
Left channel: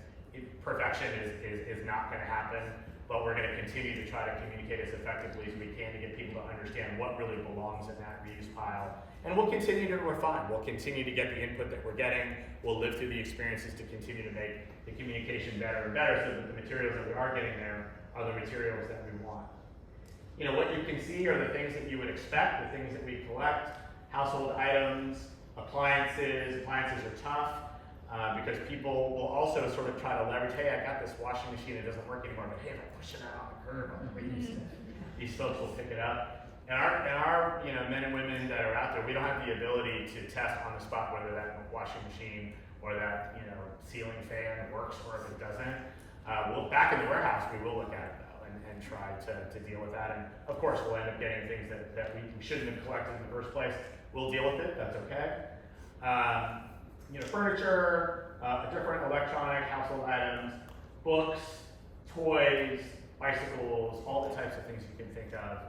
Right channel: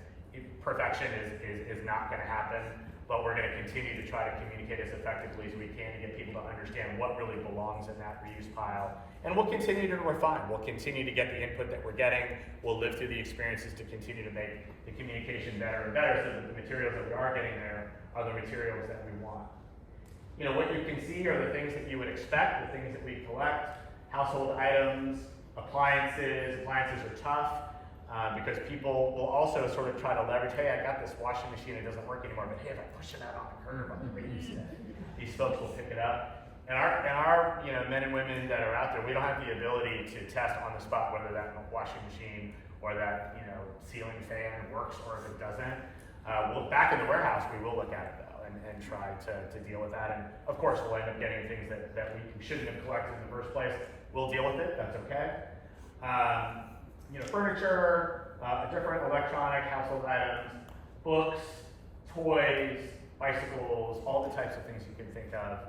perfection is not going to happen, but we're going to continue to try to communicate as effectively as we can to get people to understand what really belongs in that reuse pile. And we'll continue to refine. We'll continue to get the input that we're getting. We'll live through the experiences to continue to make the communication better and better so that the materials that we are getting there are the materials that we want. What you can see are the things that you would expect, the things that we collect, household items, appliances. Appliances are tough because people will also sort of try to leverage, hey, I got this washing machine that doesn't work anymore, but hey, if I push it out on the curb on the reuse day, these folks will pick it up. And our men and women that are out there, we don't have the ability to test on the spot whether that washing machine or that ceiling fan works or if it doesn't. Back in the warehouse, we will look at it though and try to deal with that. And of course, we'll end up getting things that we shouldn't have collected in the first place. We'll deal with it. That's okay. Furniture, different electronic household items, books, toys, bicycles, all the types of things you can think of.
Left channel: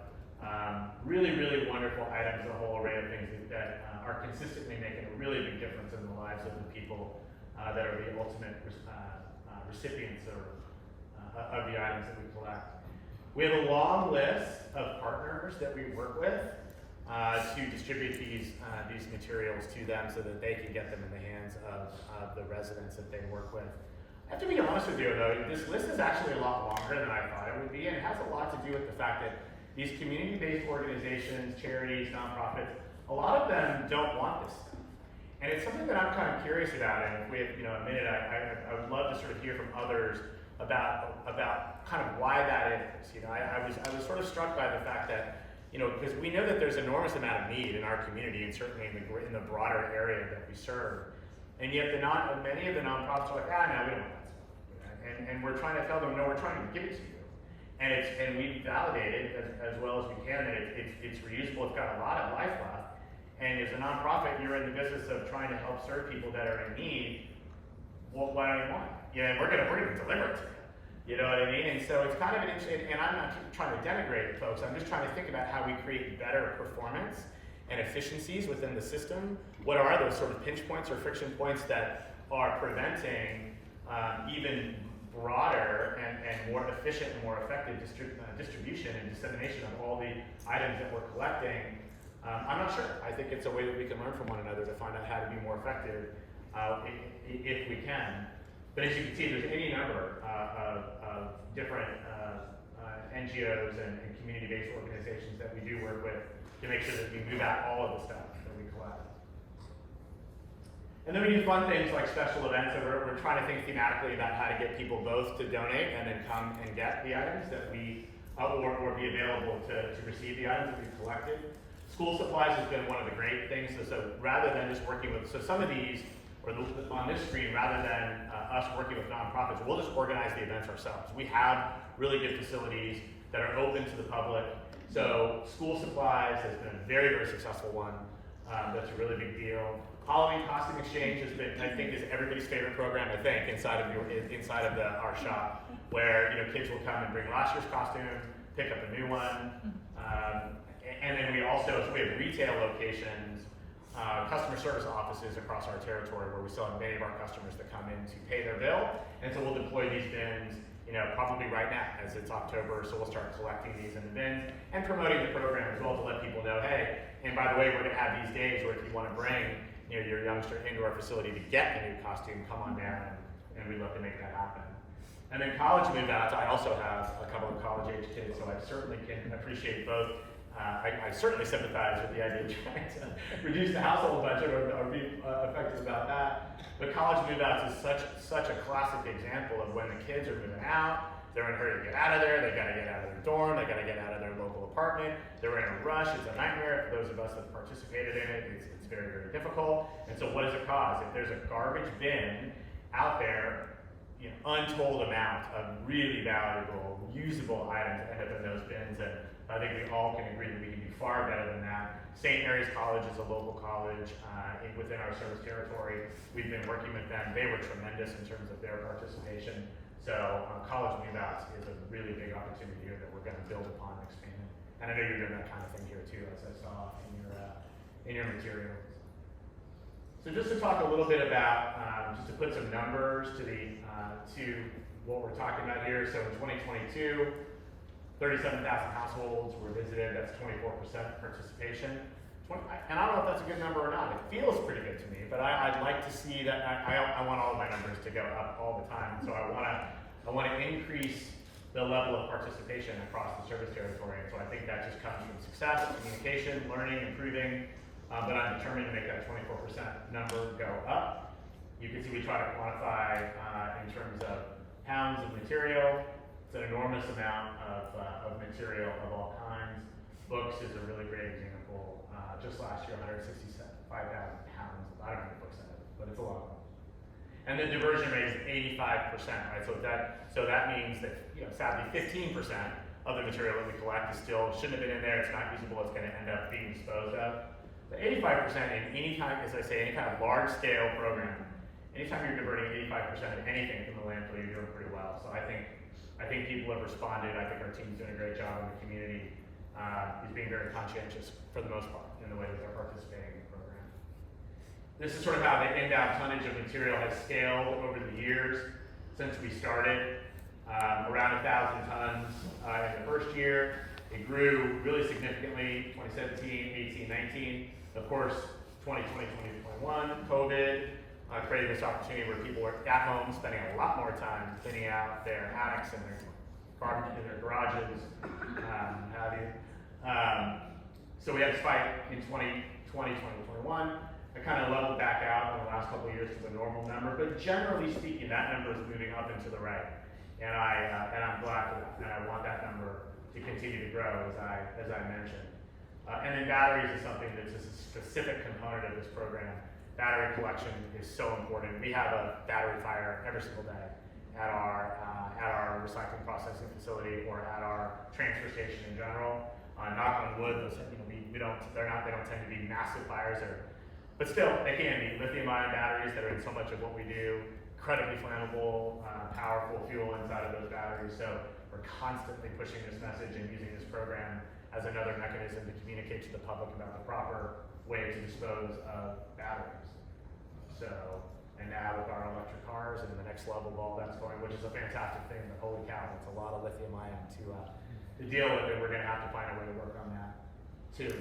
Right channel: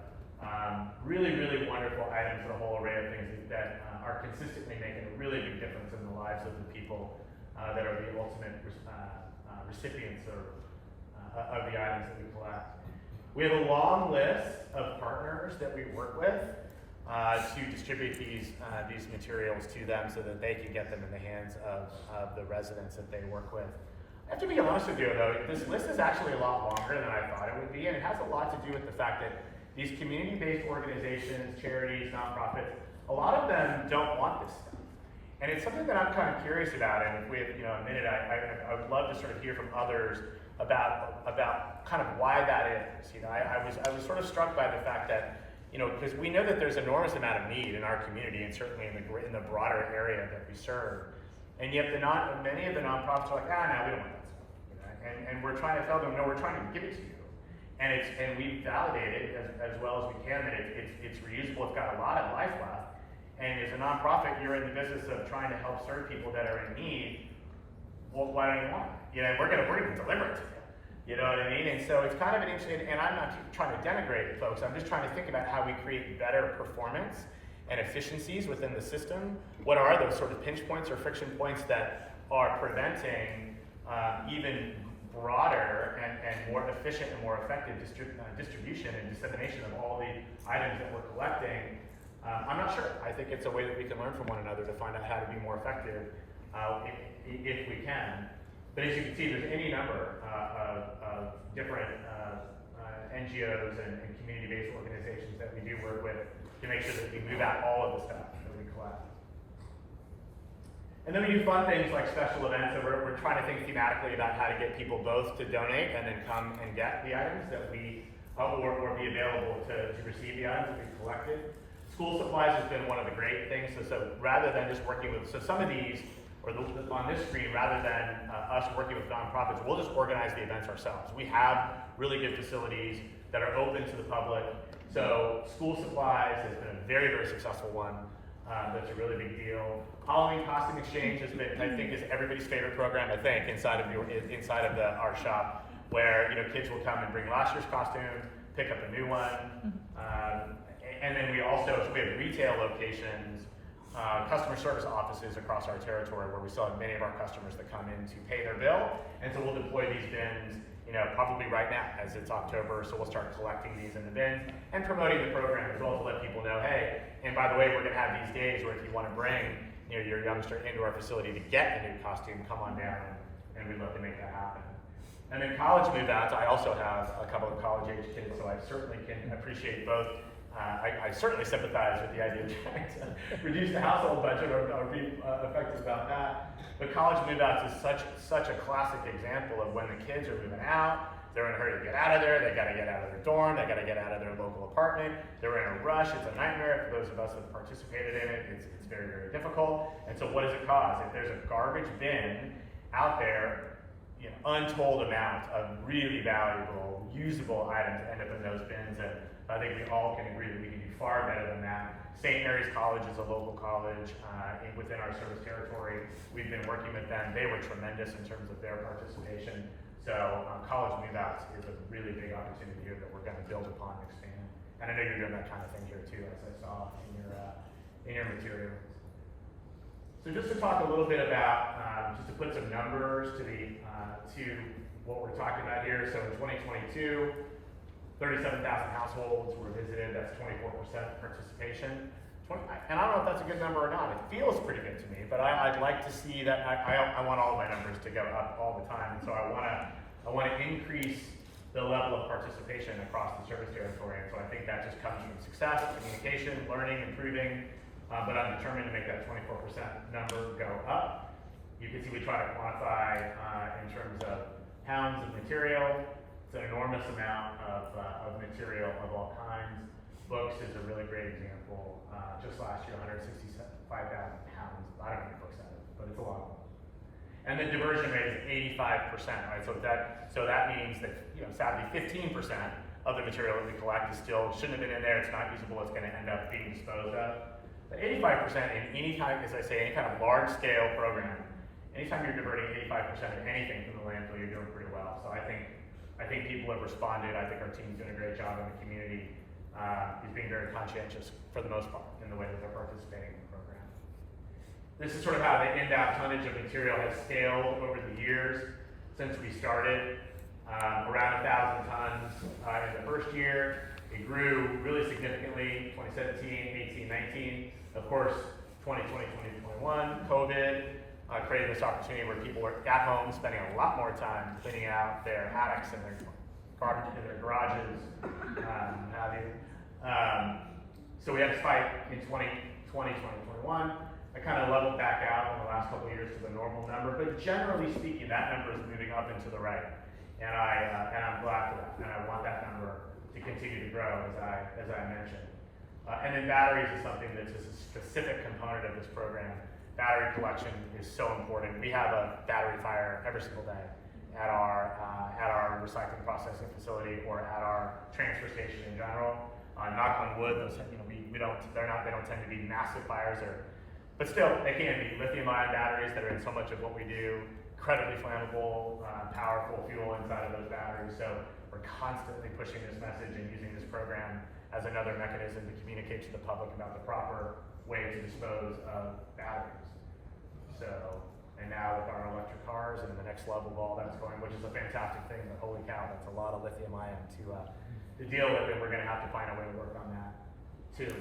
Really, really wonderful items, a whole array of things that are consistently making a really big difference in the lives of the people that are the ultimate recipients of the items that we collect. We have a long list of partners that we work with to distribute these materials to them so that they can get them in the hands of the residents that they work with. I have to be honest with you though, this list is actually a lot longer than I thought it would be, and it has a lot to do with the fact that these community-based organizations, charities, nonprofits, a lot of them don't want this stuff. And it's something that I'm kind of curious about, and if we have a minute, I would love to sort of hear from others about kind of why that is. I was sort of struck by the fact that, because we know that there's an enormous amount of need in our community and certainly in the broader area that we serve. And yet many of the nonprofits are like, no, we don't want that stuff. And we're trying to tell them, no, we're trying to give it to you. And we validate it as well as we can that it's reusable, it's got a lot of life left. And as a nonprofit, you're in the business of trying to help serve people that are in need. Well, why don't you want it? And we're gonna deliver it to you. You know what I mean? And so it's kind of an interesting, and I'm not trying to denigrate folks, I'm just trying to think about how we create better performance and efficiencies within the system. What are those sort of pinch points or friction points that are preventing even broader and more efficient and more effective distribution and dissemination of all the items that we're collecting? I'm not sure. I think it's a way that we can learn from one another to find out how to be more effective if we can. But as you can see, there's any number of different NGOs and community-based organizations that we do work with to make sure that we move out all of the stuff that we collect. And then we do fun things like special events, so we're trying to think thematically about how to get people both to donate and then come and get the items that we, or be available to receive the items that we've collected. School supplies has been one of the great things, so rather than just working with, so some of these, or on this screen, rather than us working with nonprofits, we'll just organize the events ourselves. We have really good facilities that are open to the public. So school supplies has been a very, very successful one. That's a really big deal. Halloween costume exchange has been, I think, is everybody's favorite program, I think, inside of our shop, where kids will come and bring last year's costume, pick up a new one, And then we also, so we have retail locations, customer service offices across our territory where we still have many of our customers that come in to pay their bill. And so we'll deploy these bins, probably right now as it's October. So we'll start collecting these in the bins and promoting the program as well to let people know, hey, and by the way, we're gonna have these days where if you wanna bring your youngster into our facility to get a new costume, come on down and we'd love to make that happen. And then college move-outs, I also have a couple of college-age kids, so I certainly can appreciate both. I certainly sympathize with the idea of trying to reduce the household budget or be effective about that. But college move-outs is such a classic example of when the kids are moving out, they're in a hurry to get out of there, they gotta get out of their dorm, they gotta get out of their local apartment, they're in a rush, it's a nightmare for those of us that have participated in it, it's very, very difficult. And so what does it cause? If there's a garbage bin out there, untold amount of really valuable, usable items end up in those bins, and I think we all can agree that we can do far better than that. St. Mary's College is a local college within our service territory. We've been working with them. They were tremendous in terms of their participation. So college move-outs is a really big opportunity here that we're going to build upon and expand. And I know you're doing that kind of thing here too, as I saw in your material. So just to talk a little bit about, just to put some numbers to what we're talking about here. So in 2022, 37,000 households were visited. That's 24% participation. And I don't know if that's a good number or not. It feels pretty good to me, but I'd like to see that. I want all of my numbers to go up all the time. So I want to increase the level of participation across the service territory. And so I think that just comes from success, communication, learning, improving. But I'm determined to make that 24% number go up. You can see we try to quantify in terms of pounds of material. It's an enormous amount of material of all kinds. Books is a really great example. Just last year, 165,000 pounds. I don't know how many books that is, but it's a lot of them. And the diversion rate is 85%, right? So that means that, sadly, 15% of the material that we collect is still shouldn't have been in there. It's not usable. It's going to end up being disposed of. But 85% in any kind of, as I say, any kind of large-scale program, anytime you're diverting 85% of anything from the landfill, you're doing pretty well. So I think people have responded. I think our team's doing a great job in the community. Is being very conscientious for the most part in the way that they're participating in the program. This is sort of how the inbound tonnage of material has scaled over the years since we started. Around 1,000 tons in the first year. It grew really significantly, 2017, 18, 19. Of course, 2020, 2021, COVID created this opportunity where people were at home spending a lot more time cleaning out their attics and their garbage in their garages, have you. So we had a spike in 2020, 2021. I kind of leveled back out in the last couple of years to the normal number, but generally speaking, that number is moving up and to the right. And I'm glad for that, and I want that number to continue to grow, as I mentioned. And then batteries is something that's a specific component of this program. Battery collection is so important. We have a battery fire every single day at our recycling processing facility or at our transfer station in general. Knock on wood, those, they don't tend to be massive fires, but still they can be. Lithium-ion batteries that are in so much of what we do, incredibly flammable, powerful fuel inside of those batteries. So we're constantly pushing this message and using this program as another mechanism to communicate to the public about the proper way to dispose of batteries. So, and now with our electric cars and the next level of all that's going, which is a fantastic thing, but holy cow, that's a lot of lithium ion to deal with, and we're gonna have to find a way to work on that too.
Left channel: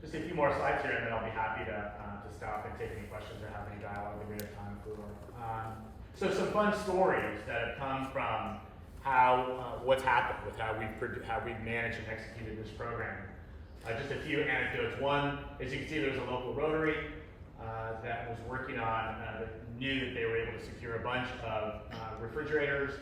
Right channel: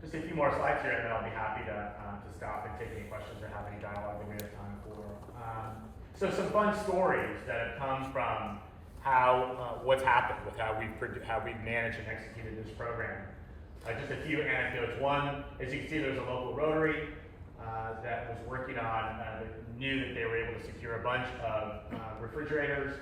Just a few more slides here, and then I'll be happy to stop and take any questions or have any dialogue that we have time for. So some fun stories that have come from what's happened with how we've managed and executed this program. Just a few anecdotes. One, as you can see, there's a local Rotary that was working on, knew that they were able to secure a bunch of refrigerators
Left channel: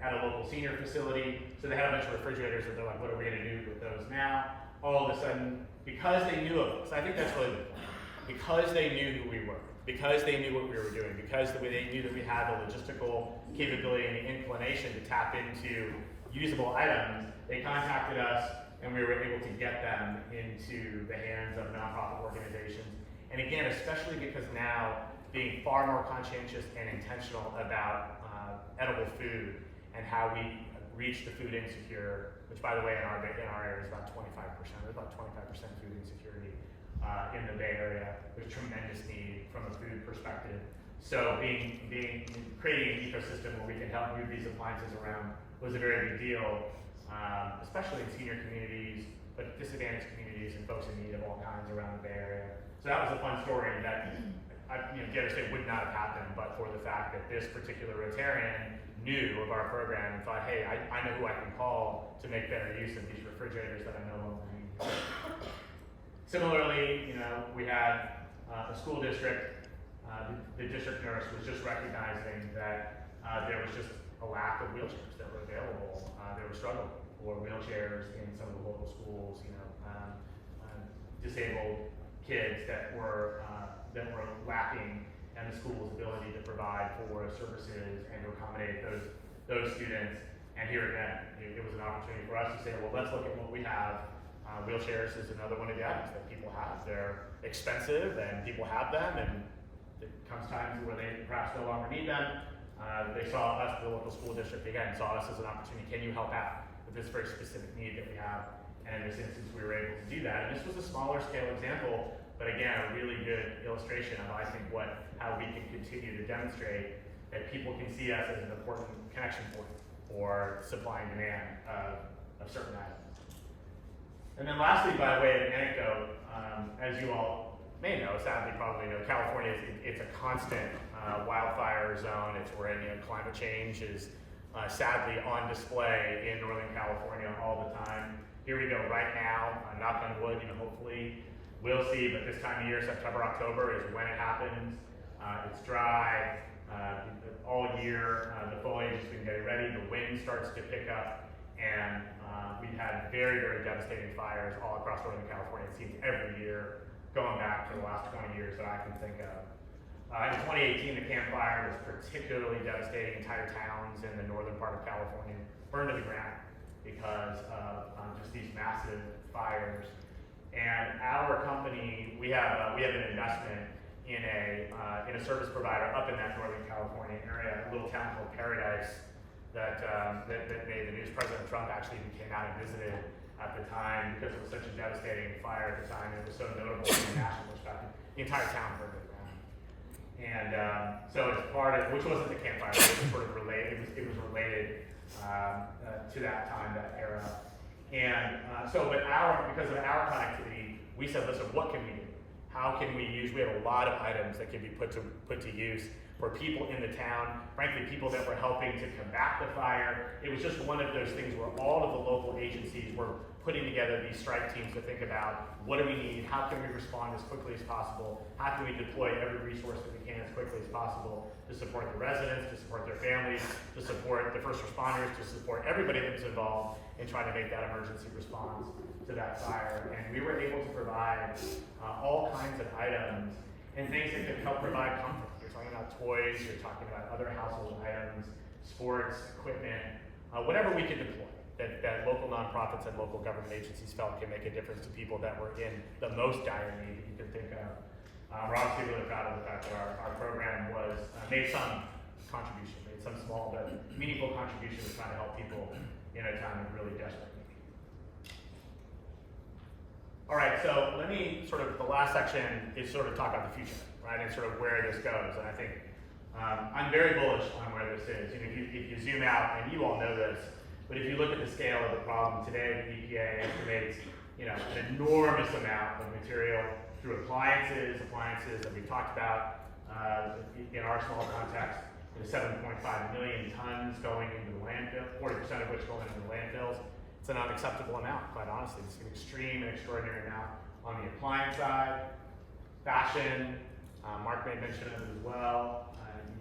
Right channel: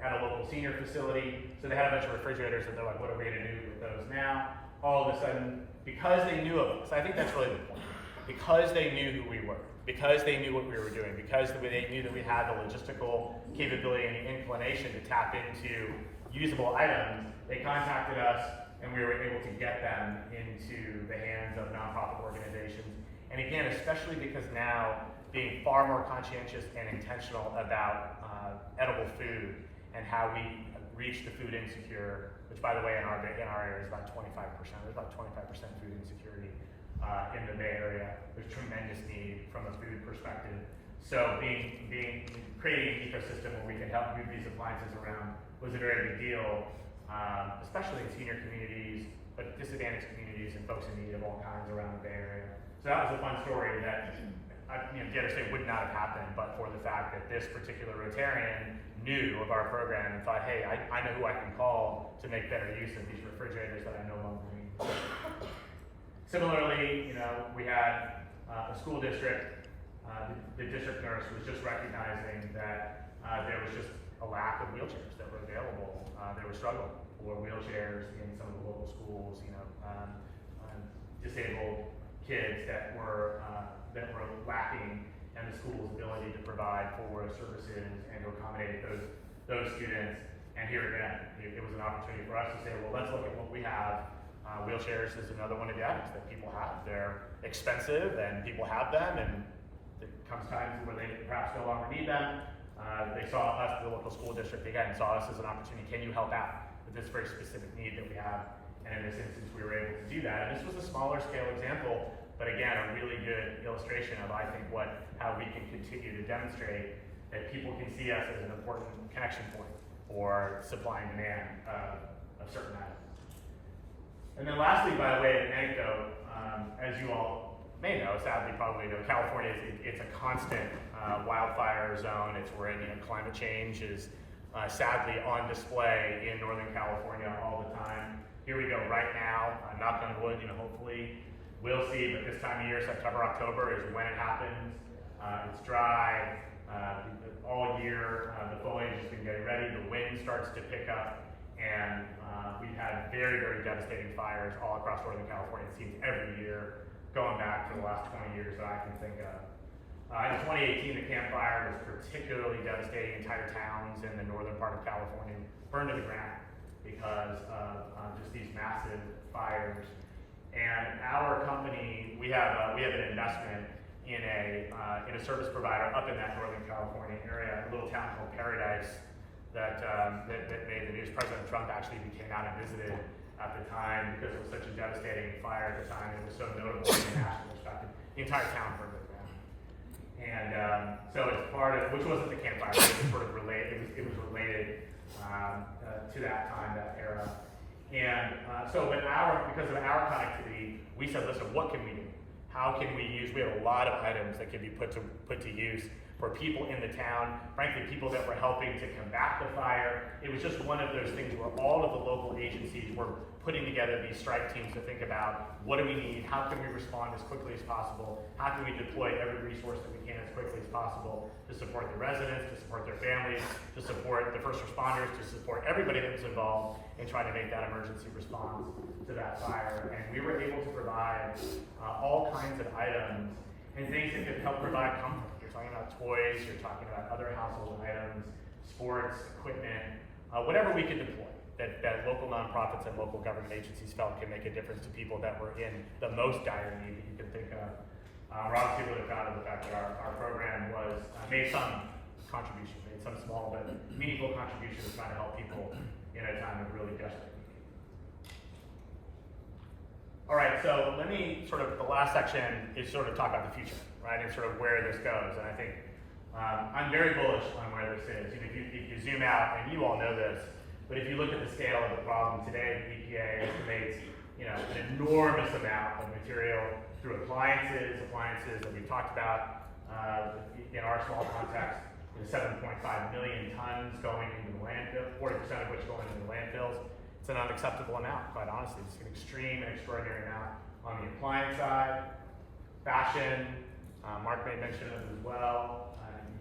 at a local senior facility. So they had a bunch of refrigerators and they're like, what are we gonna do with those now? All of a sudden, because they knew of us, I think that's really the point. Because they knew who we were, because they knew what we were doing, because they knew that we had the logistical capability and the inclination to tap into usable items, they contacted us and we were able to get them into the hands of nonprofit organizations. And again, especially because now being far more conscientious and intentional about edible food and how we reach the food insecure which by the way in our area is about 25%. There's about 25% food insecurity in the Bay Area. There's tremendous need from a food perspective. So creating an ecosystem where we can help move these appliances around was a very big deal, especially in senior communities, but disadvantaged communities and folks in need of all kinds around the Bay Area. So that was a fun story that dare say would not have happened but for the fact that this particular Rotarian knew of our program and thought, hey, I know who I can call to make better use of these refrigerators that I no longer need. Similarly, we had a school district. The district nurse was just recognizing that there was just a lack of wheelchairs that were available. There was struggle for wheelchairs in some of the local schools. Disabled kids that were lacking, and the school's ability to provide for services and to accommodate those students. And here again, it was an opportunity for us to say, well, let's look at what we have. Wheelchairs is another one of the items that people have. They're expensive, and people have them, and it comes times where they perhaps no longer need them. They saw us, the local school district, again, saw us as an opportunity. Can you help out with this very specific need that we have? And in this instance, we were able to do that. And this was a smaller scale example, but again, a really good illustration of, I think, how we can continue to demonstrate that people can see us as an important connection point for supply and demand of certain items. And then lastly, by way of an anecdote, as you all may know, sadly probably know, California, it's a constant wildfire zone. It's where climate change is sadly on display in Northern California all the time. Here we go right now, knock on wood, hopefully we'll see, but this time of year, September, October is when it happens. It's dry all year. The foliage has been getting ready. The wind starts to pick up, and we've had very, very devastating fires all across Northern California. It seems every year, going back for the last 20 years that I can think of. In 2018, the Camp Fire was particularly devastating. Entire towns in the northern part of California burned to the ground because of just these massive fires. And our company, we have an investment in a service provider up in that Northern California area, a little town called Paradise that made the news. President Trump actually even came out and visited at the time because it was such a devastating fire at the time. It was so notable from a national perspective. The entire town burned to the ground. And so it's part of, which wasn't the campfire, but it was sort of related. It was related to that time, that era. And because of our connectivity, we said, listen, what can we do? How can we use? We have a lot of items that can be put to use for people in the town. Frankly, people that were helping to combat the fire. It was just one of those things where all of the local agencies were putting together these strike teams to think about what do we need, how can we respond as quickly as possible, how can we deploy every resource that we can as quickly as possible to support the residents, to support their families, to support the first responders, to support everybody that was involved in trying to make that emergency response to that fire. And we were able to provide all kinds of items and things that could help provide comfort. You're talking about toys, you're talking about other household items, sports, equipment, whatever we could deploy that local nonprofits and local government agencies felt can make a difference to people that were in the most dire need that you can think of. We're obviously really proud of the fact that our program made some contribution, made some small but meaningful contribution to trying to help people in a time of really desperate need. All right, so let me the last section is talk about the future, right, and where this goes. And I think I'm very bullish on where this is. If you zoom out, and you all know this, but if you look at the scale of the problem today, the EPA estimates an enormous amount of material through appliances that we've talked about in our small context. 7.5 million tons going into the landfill, 40% of which going into the landfills. It's an unacceptable amount, quite honestly. It's an extreme and extraordinary amount on the appliance side. Fashion, Mark made mention of it as well.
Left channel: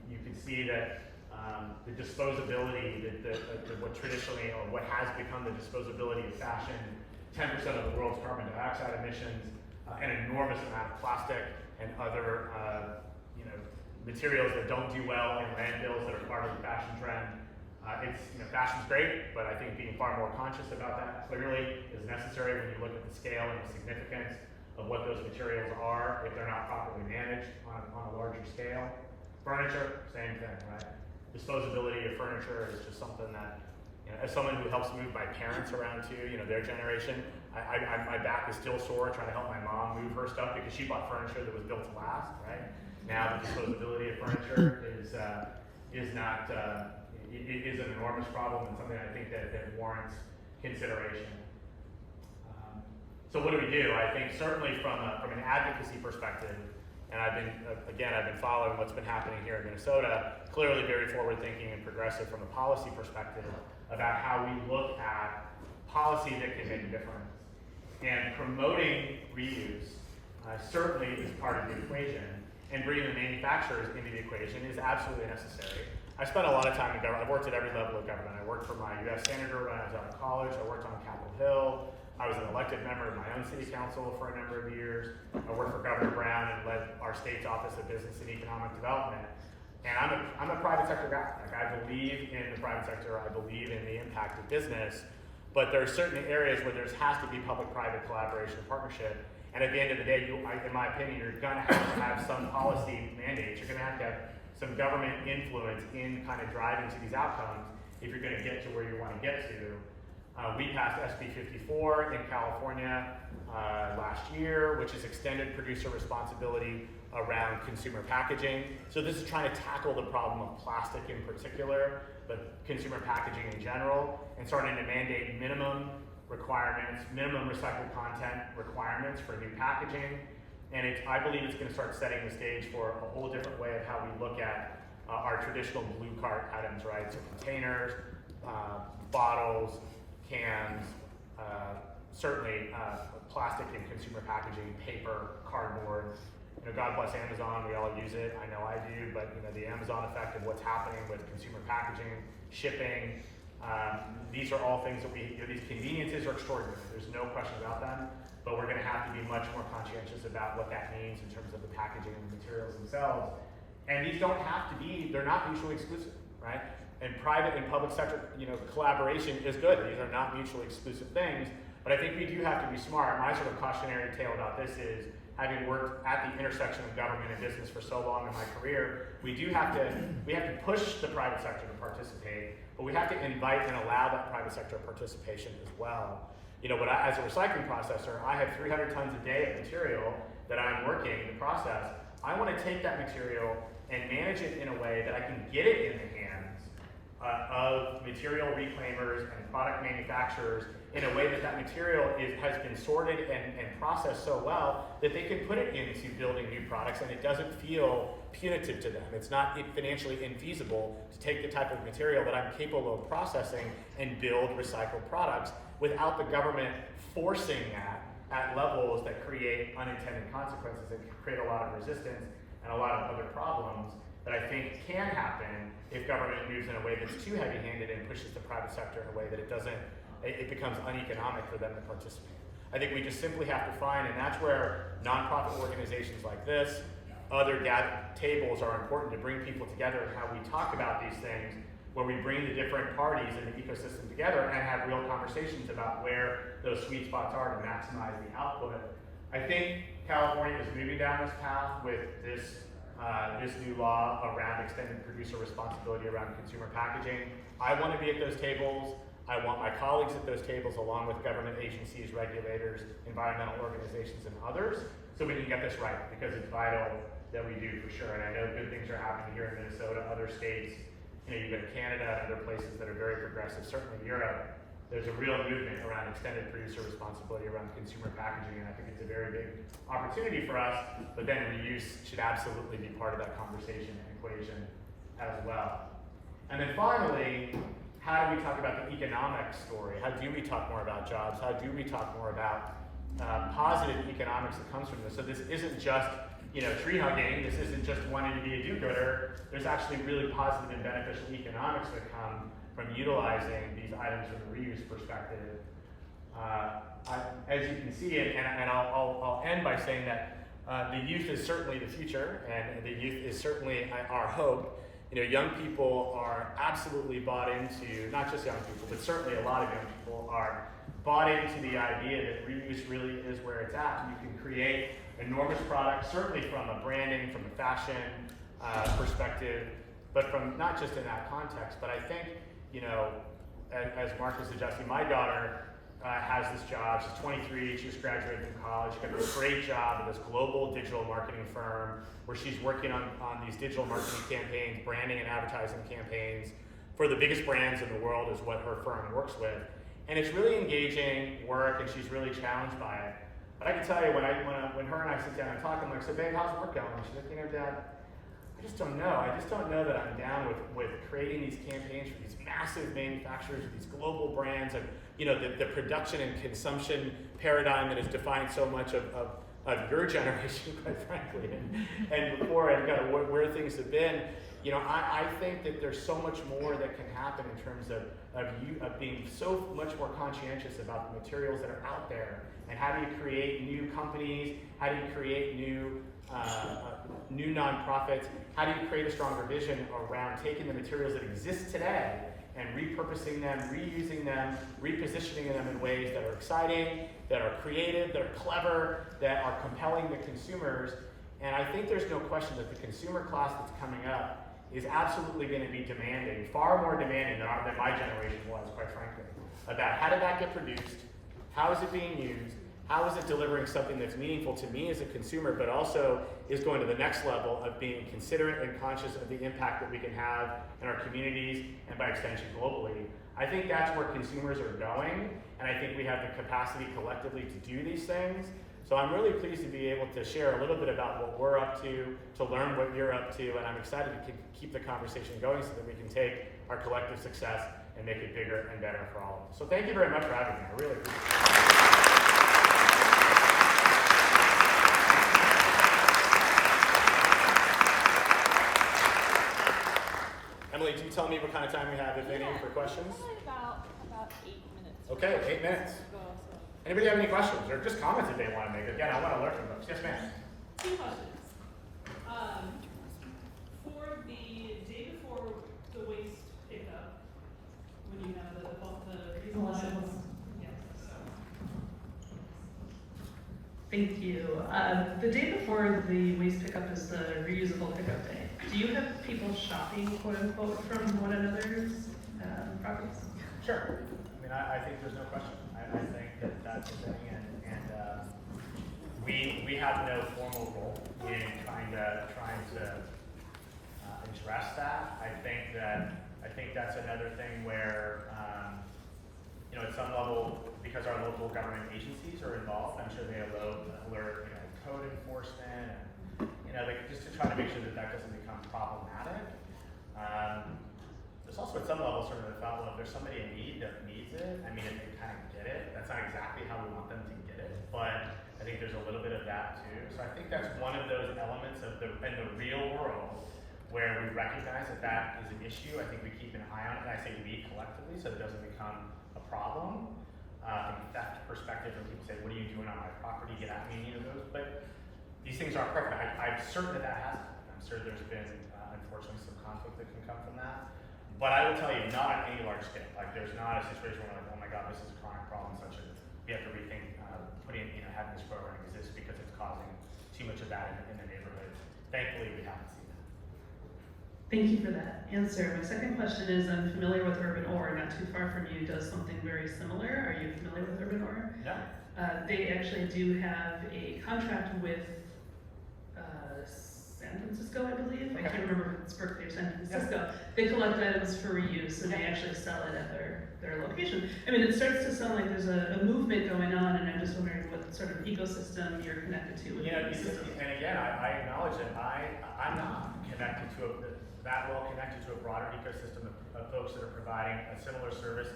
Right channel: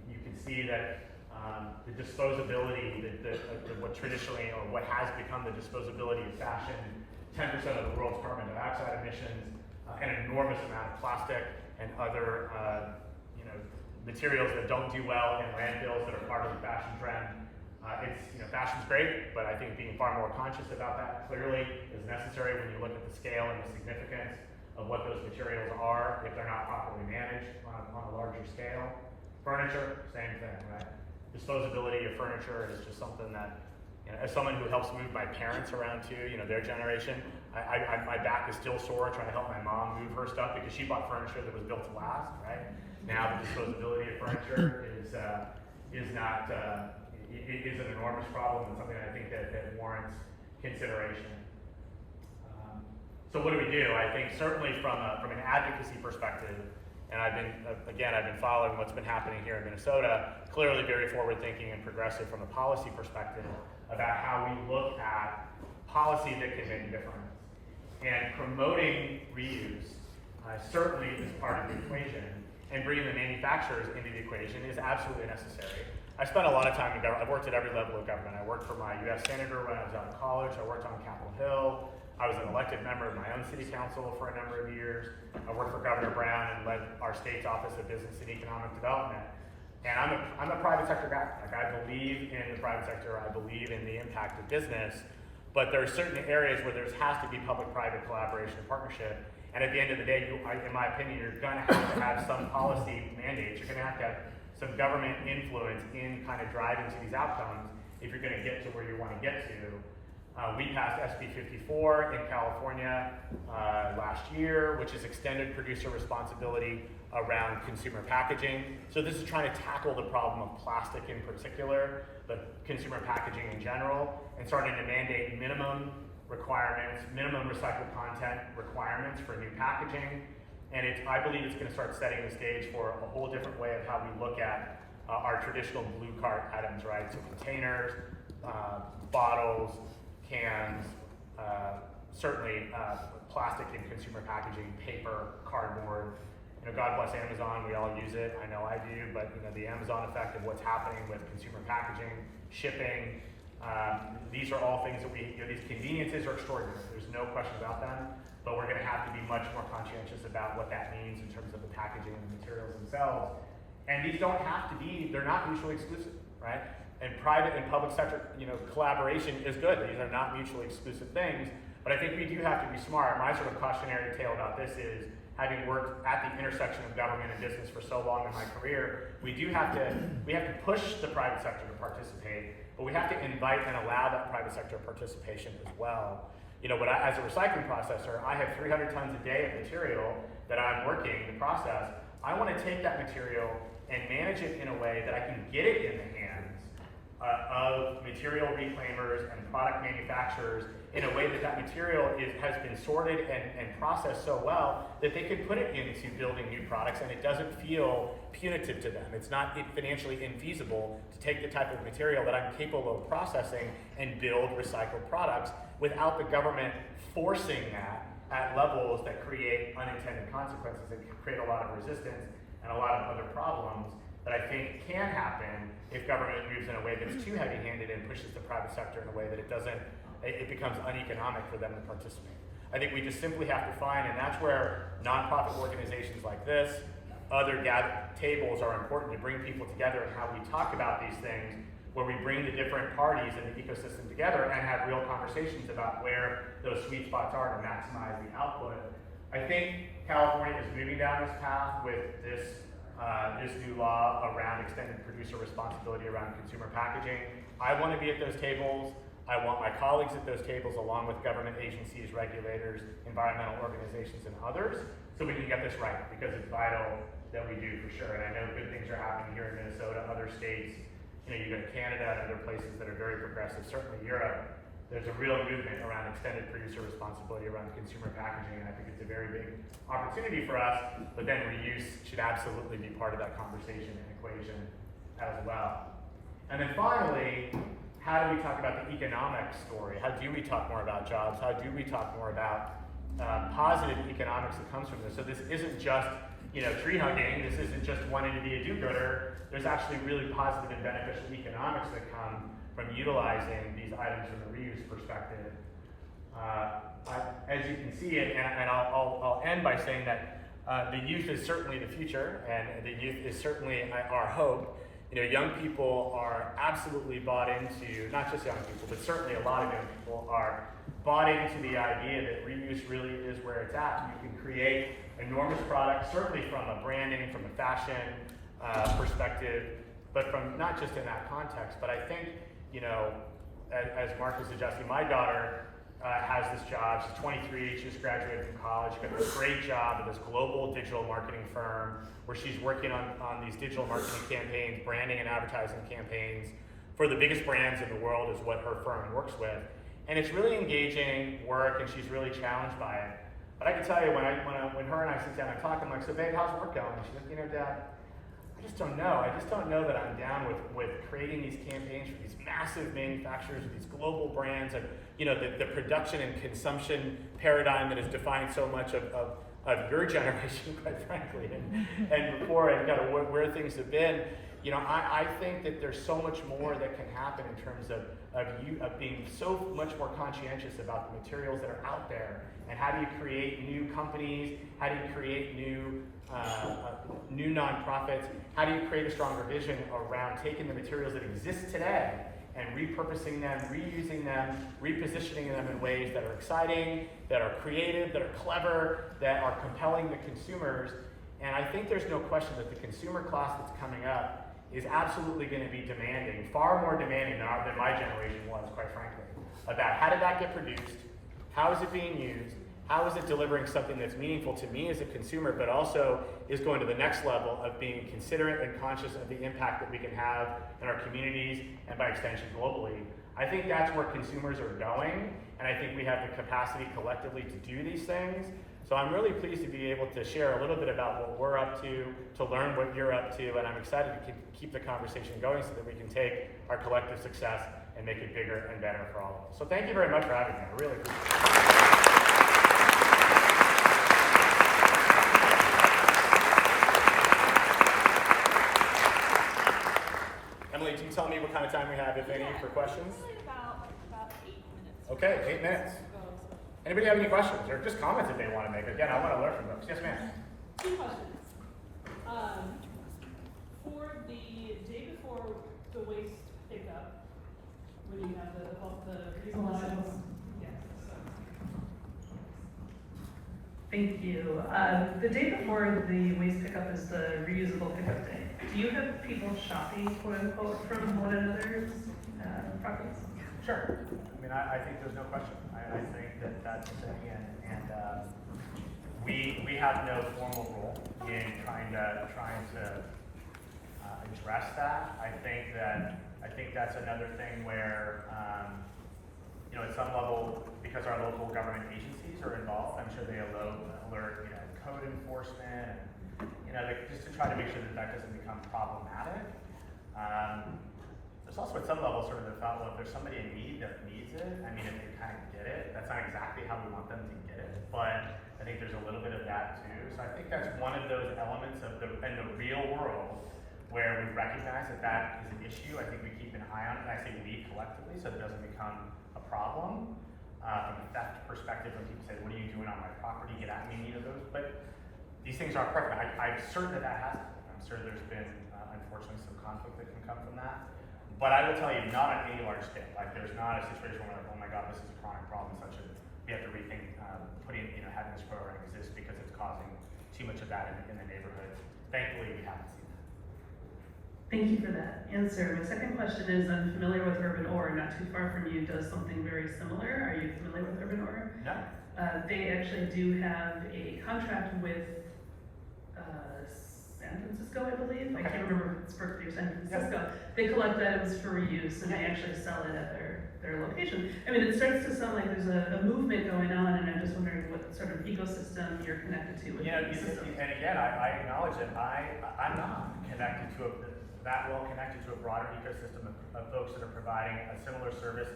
You can see that the disposability, what traditionally, or what has become the disposability of fashion, 10% of the world's carbon dioxide emissions, an enormous amount of plastic and other materials that don't do well in landfills that are part of the fashion trend. Fashion's great, but I think being far more conscious about that clearly is necessary when you look at the scale and the significance of what those materials are if they're not properly managed on a larger scale. Furniture, same thing, right? Disposability of furniture is just something that as someone who helps move my parents around too, their generation, my back is still sore trying to help my mom move her stuff because she bought furniture that was built to last, right? Now the disposability of furniture is an enormous problem and something I think that warrants consideration. So what do we do? I think certainly from an advocacy perspective, and I've been following what's been happening here in Minnesota, clearly very forward-thinking and progressive from a policy perspective about how we look at policy that can make a difference. And promoting reuse certainly is part of the equation, and bringing the manufacturers into the equation is absolutely necessary. I spent a lot of time in government. I've worked at every level of government. I worked for my U.S. Senator when I was out of college. I worked on Capitol Hill. I was an elected member of my own city council for a number of years. I worked for Governor Brown and led our state's Office of Business and Economic Development. And I'm a private sector guy. Like, I believe in the private sector. I believe in the impact of business. But there are certain areas where there has to be public-private collaboration and partnership. And at the end of the day, in my opinion, you're going to have some policy mandates. You're going to have some government influence in kind of driving to these outcomes if you're going to get to where you want to get to. We passed SB 54 in California last year, which is extended producer responsibility around consumer packaging. So this is trying to tackle the problem of plastic in particular, but consumer packaging in general, and starting to mandate minimum requirements, minimum recycled content requirements for new packaging. And I believe it's going to start setting the stage for a whole different way of how we look at our traditional blue cart items, right? So containers, bottles, cans, certainly plastic and consumer packaging, paper, cardboard. God bless Amazon, we all use it. I know I do, but the Amazon effect of what's happening with consumer packaging, shipping, these are all things that these conveniences are extraordinary. There's no question about them, but we're going to have to be much more conscientious about what that means in terms of the packaging and the materials themselves. And these don't have to be, they're not mutually exclusive, right? And private and public sector, collaboration is good. These are not mutually exclusive things, but I think we do have to be smart. My sort of cautionary tale about this is, having worked at the intersection of government and business for so long in my career, we have to push the private sector to participate, but we have to invite and allow that private sector participation as well. As a recycling processor, I have 300 tons a day of material that I'm working to process. I want to take that material and manage it in a way that I can get it in the hands of material reclaimers and product manufacturers in a way that material has been sorted and processed so well that they can put it into building new products and it doesn't feel punitive to them. It's not financially infeasible to take the type of material that I'm capable of processing and build recycled products without the government forcing that at levels that create unintended consequences, that create a lot of resistance and a lot of other problems that I think can happen if government moves in a way that's too heavy-handed and pushes the private sector in a way that it becomes uneconomic for them to participate. I think we just simply have to find, and that's where nonprofit organizations like this, other tables are important to bring people together and how we talk about these things, where we bring the different parties in the ecosystem together and have real conversations about where those sweet spots are to maximize the output. I think California is moving down this path with this new law around extended producer responsibility around consumer packaging. I want to be at those tables. I want my colleagues at those tables, along with government agencies, regulators, environmental organizations, and others, so we can get this right, because it's vital that we do for sure. And I know good things are happening here in Minnesota, other states. You go to Canada and other places that are very progressive, certainly Europe. There's a real movement around extended producer responsibility around consumer packaging, and I think it's a very big opportunity for us, but then reuse should absolutely be part of that conversation and equation as well. And then finally, how do we talk about the economic story? How do we talk more about jobs? How do we talk more about positive economics that comes from this? So this isn't just tree hugging. This isn't just wanting to be a do-gooder. There's actually really positive and beneficial economics that come from utilizing these items from a reuse perspective. As you can see, and I'll end by saying that the youth is certainly the future, and the youth is certainly our hope. Young people are absolutely bought into, not just young people, but certainly a lot of young people are bought into the idea that reuse really is where it's at. You can create enormous products, certainly from a branding, from a fashion perspective, but from not just in that context. But I think, as Mark was suggesting, my daughter has this job. She's 23, she just graduated from college. She got this great job at this global digital marketing firm where she's working on these digital marketing campaigns, branding and advertising campaigns for the biggest brands in the world is what her firm works with. And it's really engaging work, and she's really challenged by it. But I can tell you, when her and I sit down and talk, I'm like, so babe, how's work going? And she's like, you know, Dad, I just don't know. I just don't know that I'm down with creating these campaigns for these massive manufacturers, these global brands, and you know, the production and consumption paradigm that is defining so much of your generation, quite frankly, and before, and kind of where things have been. You know, I think that there's so much more that can happen in terms of being so much more conscientious about the materials that are out there, and how do you create new companies, how do you create new nonprofits, how do you create a stronger vision around taking the materials that exist today and repurposing them, reusing them, repositioning them in ways that are exciting, that are creative, that are clever, that are compelling to consumers. And I think there's no question that the consumer class that's coming up is absolutely going to be demanding, far more demanding than my generation was, quite frankly, about how did that get produced, how is it being used, how is it delivering something that's meaningful to me as a consumer, but also is going to the next level of being considerate and conscious of the impact that we can have in our communities and by extension globally. I think that's where consumers are going, and I think we have the capacity collectively to do these things. So I'm really pleased to be able to share a little bit about what we're up to learn what you're up to, and I'm excited to keep the conversation going so that we can take our collective success and make it bigger and better for all of us. So thank you very much for having me. I really appreciate it. Emily, can you tell me what kind of time we have, if any, for questions? About 8 minutes. Okay, 8 minutes. Anybody have any questions or just comments that they want to make? Again, I want to learn from those. Yes, ma'am. 2 questions. For the day before the waste pickup, when you have the reusable items, yes. Thank you. The day before the waste pickup is the reusable pickup day. Do you have people shopping, quote unquote, from one another's properties? Sure. I mean, I think there's no question. I think that that's a thing, and we have no formal role in trying to address that. I think that's another thing where you know, at some level, because our local government agencies are involved, I'm sure they alert you know, code enforcement, and you know, just to try to make sure that that doesn't become problematic. There's also at some level sort of the thought, well, if there's somebody in need that needs it, I mean, if they kind of get it, that's not exactly how we want them to get it, but I think there's a little bit of that too. So I think that's one of those elements of in the real world where we recognize that that is an issue. I think we keep an eye on it, and I say we collectively, so it doesn't become a problem. From a theft perspective, when people say, what are you doing on my property, get at me, you know, those, but these things aren't perfect. I'm certain that has happened. I'm sure there's been, unfortunately, some conflict that can come from that. But I will tell you, not on any large scale. Like, there's not a situation where we're like, oh my God, this is a chronic problem, such as we have to rethink having this program exist because it's causing too much of that in the neighborhood. Thankfully, we haven't seen that. Thank you for that answer. My second question is, I'm familiar with Urban Ore, not too far from you, does something very similar. Are you familiar with Urban Ore? No. They actually do have a contract with San Francisco, I believe. I can't remember if it's Berkeley or San Francisco. Yeah. They collect items for reuse and they actually sell it at their location. I mean, it starts to sound like there's a movement going on, and I'm just wondering what sort of ecosystem you're connected to with the ecosystem. And again, I acknowledge that I'm not connected to that well connected to a broader ecosystem of folks that are providing a similar service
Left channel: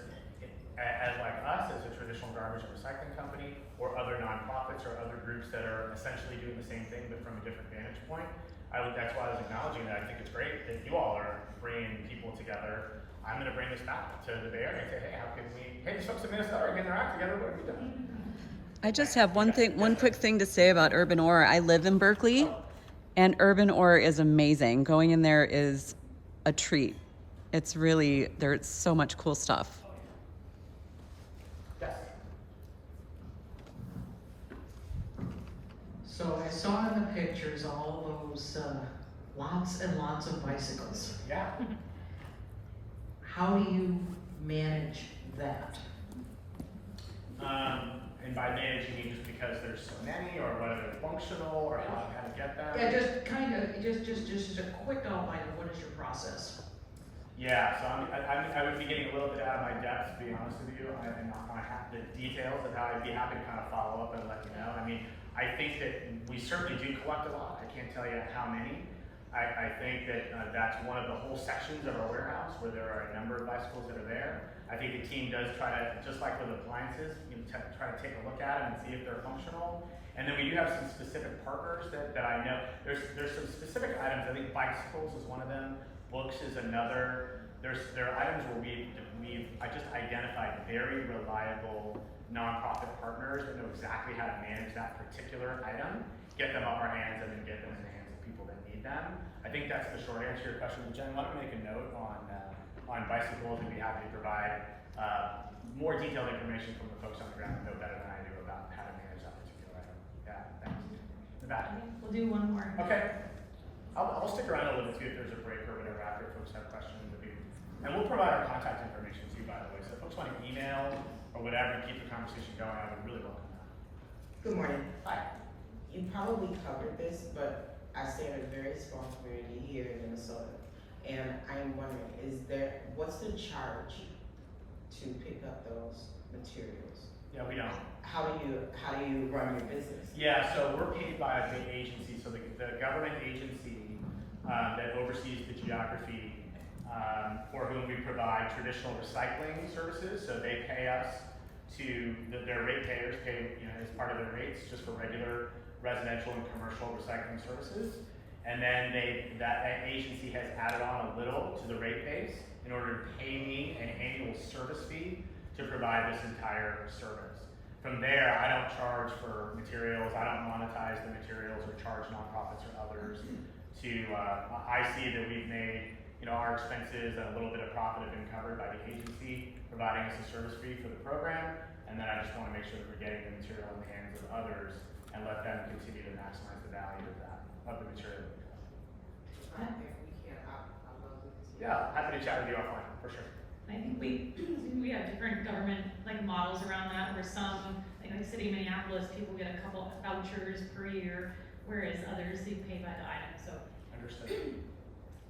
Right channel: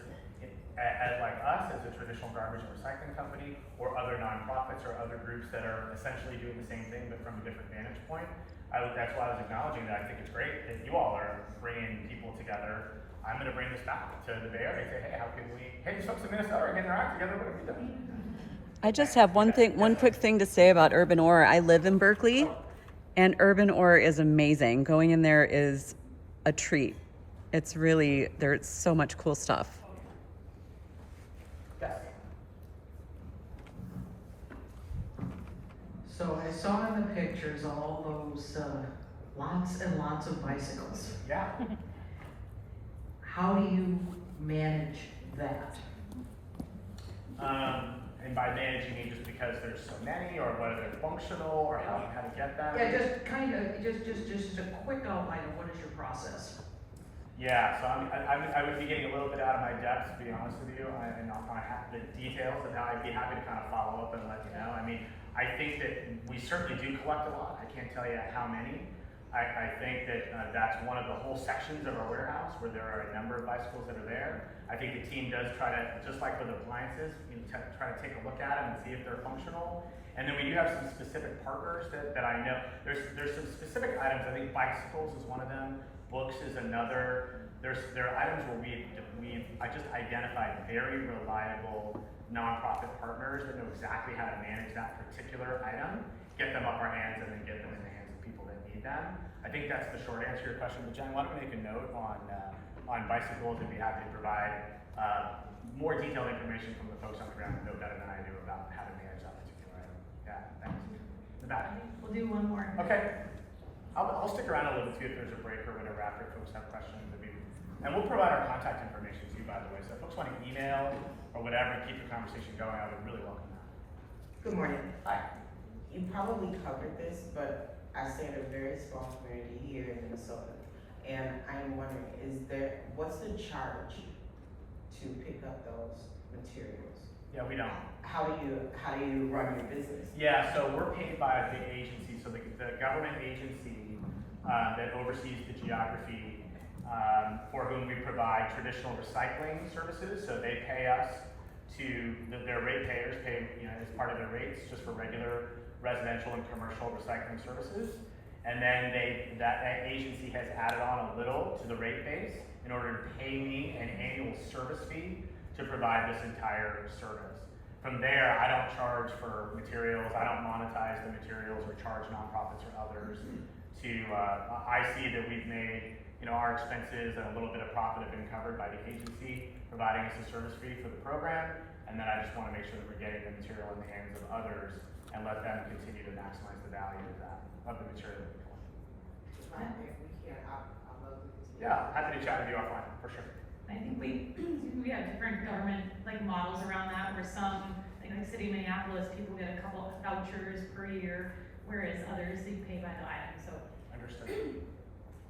as like us, as a traditional garbage and recycling company, or other nonprofits or other groups that are essentially doing the same thing but from a different vantage point. That's why I was acknowledging that. I think it's great that you all are bringing people together. I'm going to bring this back to the Bay Area and say, hey, how can these folks in Minnesota are getting their act together, what have we done? I just have one quick thing to say about Urban Ore. I live in Berkeley, and Urban Ore is amazing. Going in there is a treat. It's really, there's so much cool stuff. Yes. So I saw in the pictures all those lots and lots of bicycles. Yeah. How do you manage that? And by manage, you mean just because there's so many, or whether they're functional, or how to get them? Yeah, just kind of, just a quick outline of what is your process? Yeah, so I would be getting a little bit out of my depth, to be honest with you, and not have the details of how I'd be happy to kind of follow up and let you know. I mean, I think that we certainly do collect a lot. I can't tell you how many. I think that that's one of the whole sections of our warehouse where there are a number of bicycles that are there. I think the team does try to, just like with appliances, try to take a look at them and see if they're functional. And then we do have some specific partners that I know. There's some specific items. I think bicycles is one of them. Books is another. There are items where I just identified very reliable nonprofit partners that know exactly how to manage that particular item, get them up our hands, and then get them in the hands of people that need them. I think that's the short answer to your question. But Jen, why don't we make a note on bicycles and be happy to provide more detailed information from the folks on the ground that know better than I do about how to manage that particular item. Yeah, thanks. In the back. We'll do one more. Okay. I'll stick around a little bit, see if there's a break or whatever after folks have questions. And we'll provide our contact information too, by the way. So if folks want to email or whatever, keep the conversation going, I would really welcome that. Good morning. Hi. You probably covered this, but I stay in a very small community here in Minnesota. And I am wondering, what's the charge to pick up those materials? Yeah, we don't. How do you run your business? Yeah, so we're paid by a big agency. So the government agency that oversees the geography for whom we provide traditional recycling services. So they pay us their rate payers pay, as part of their rates just for regular residential and commercial recycling services. And then that agency has added on a little to the rate base in order to pay me an annual service fee to provide this entire service. From there, I don't charge for materials, I don't monetize the materials or charge nonprofits or others I see that we've made our expenses and a little bit of profit have been covered by the agency providing us a service fee for the program, and then I just want to make sure that we're getting the material in the hands of others and let them continue to maximize the value of the material that we collect. Yeah, happy to chat with you offline, for sure. I think we have different government models around that, where some, like City of Minneapolis, people get a couple of vouchers per year, whereas others, you pay by the item, so. Understood.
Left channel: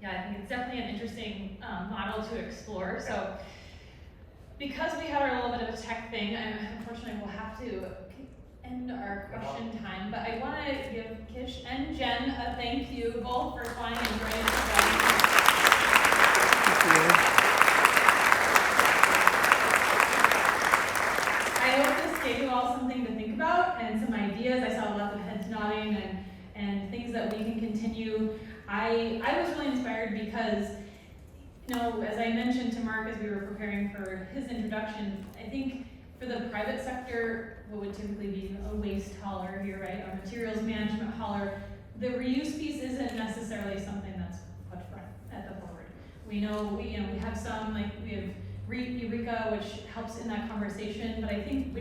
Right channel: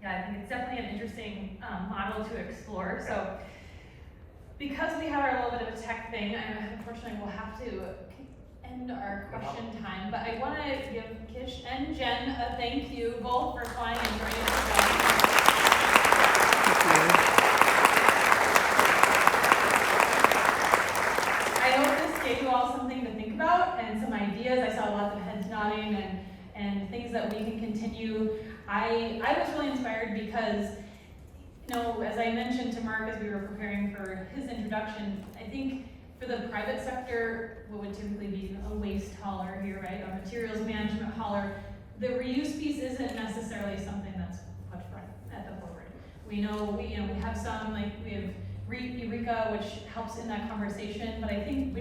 Yeah, I think it's definitely an interesting model to explore. So, because we have our little bit of a tech thing, unfortunately we'll have to end our question time, but I want to give Kish and Jen a thank you both for flying and joining us. I hope this gave you all something to think about and some ideas. I saw lots of heads nodding and things that we can continue. I was really inspired because, as I mentioned to Mark as we were preparing for his introduction, I think for the private sector, what would typically be a waste hauler here, right, a materials management hauler, the reuse piece isn't necessarily something that's put front at the forward. We know, we have some, we have Eureka, which helps in that conversation, but I think we don't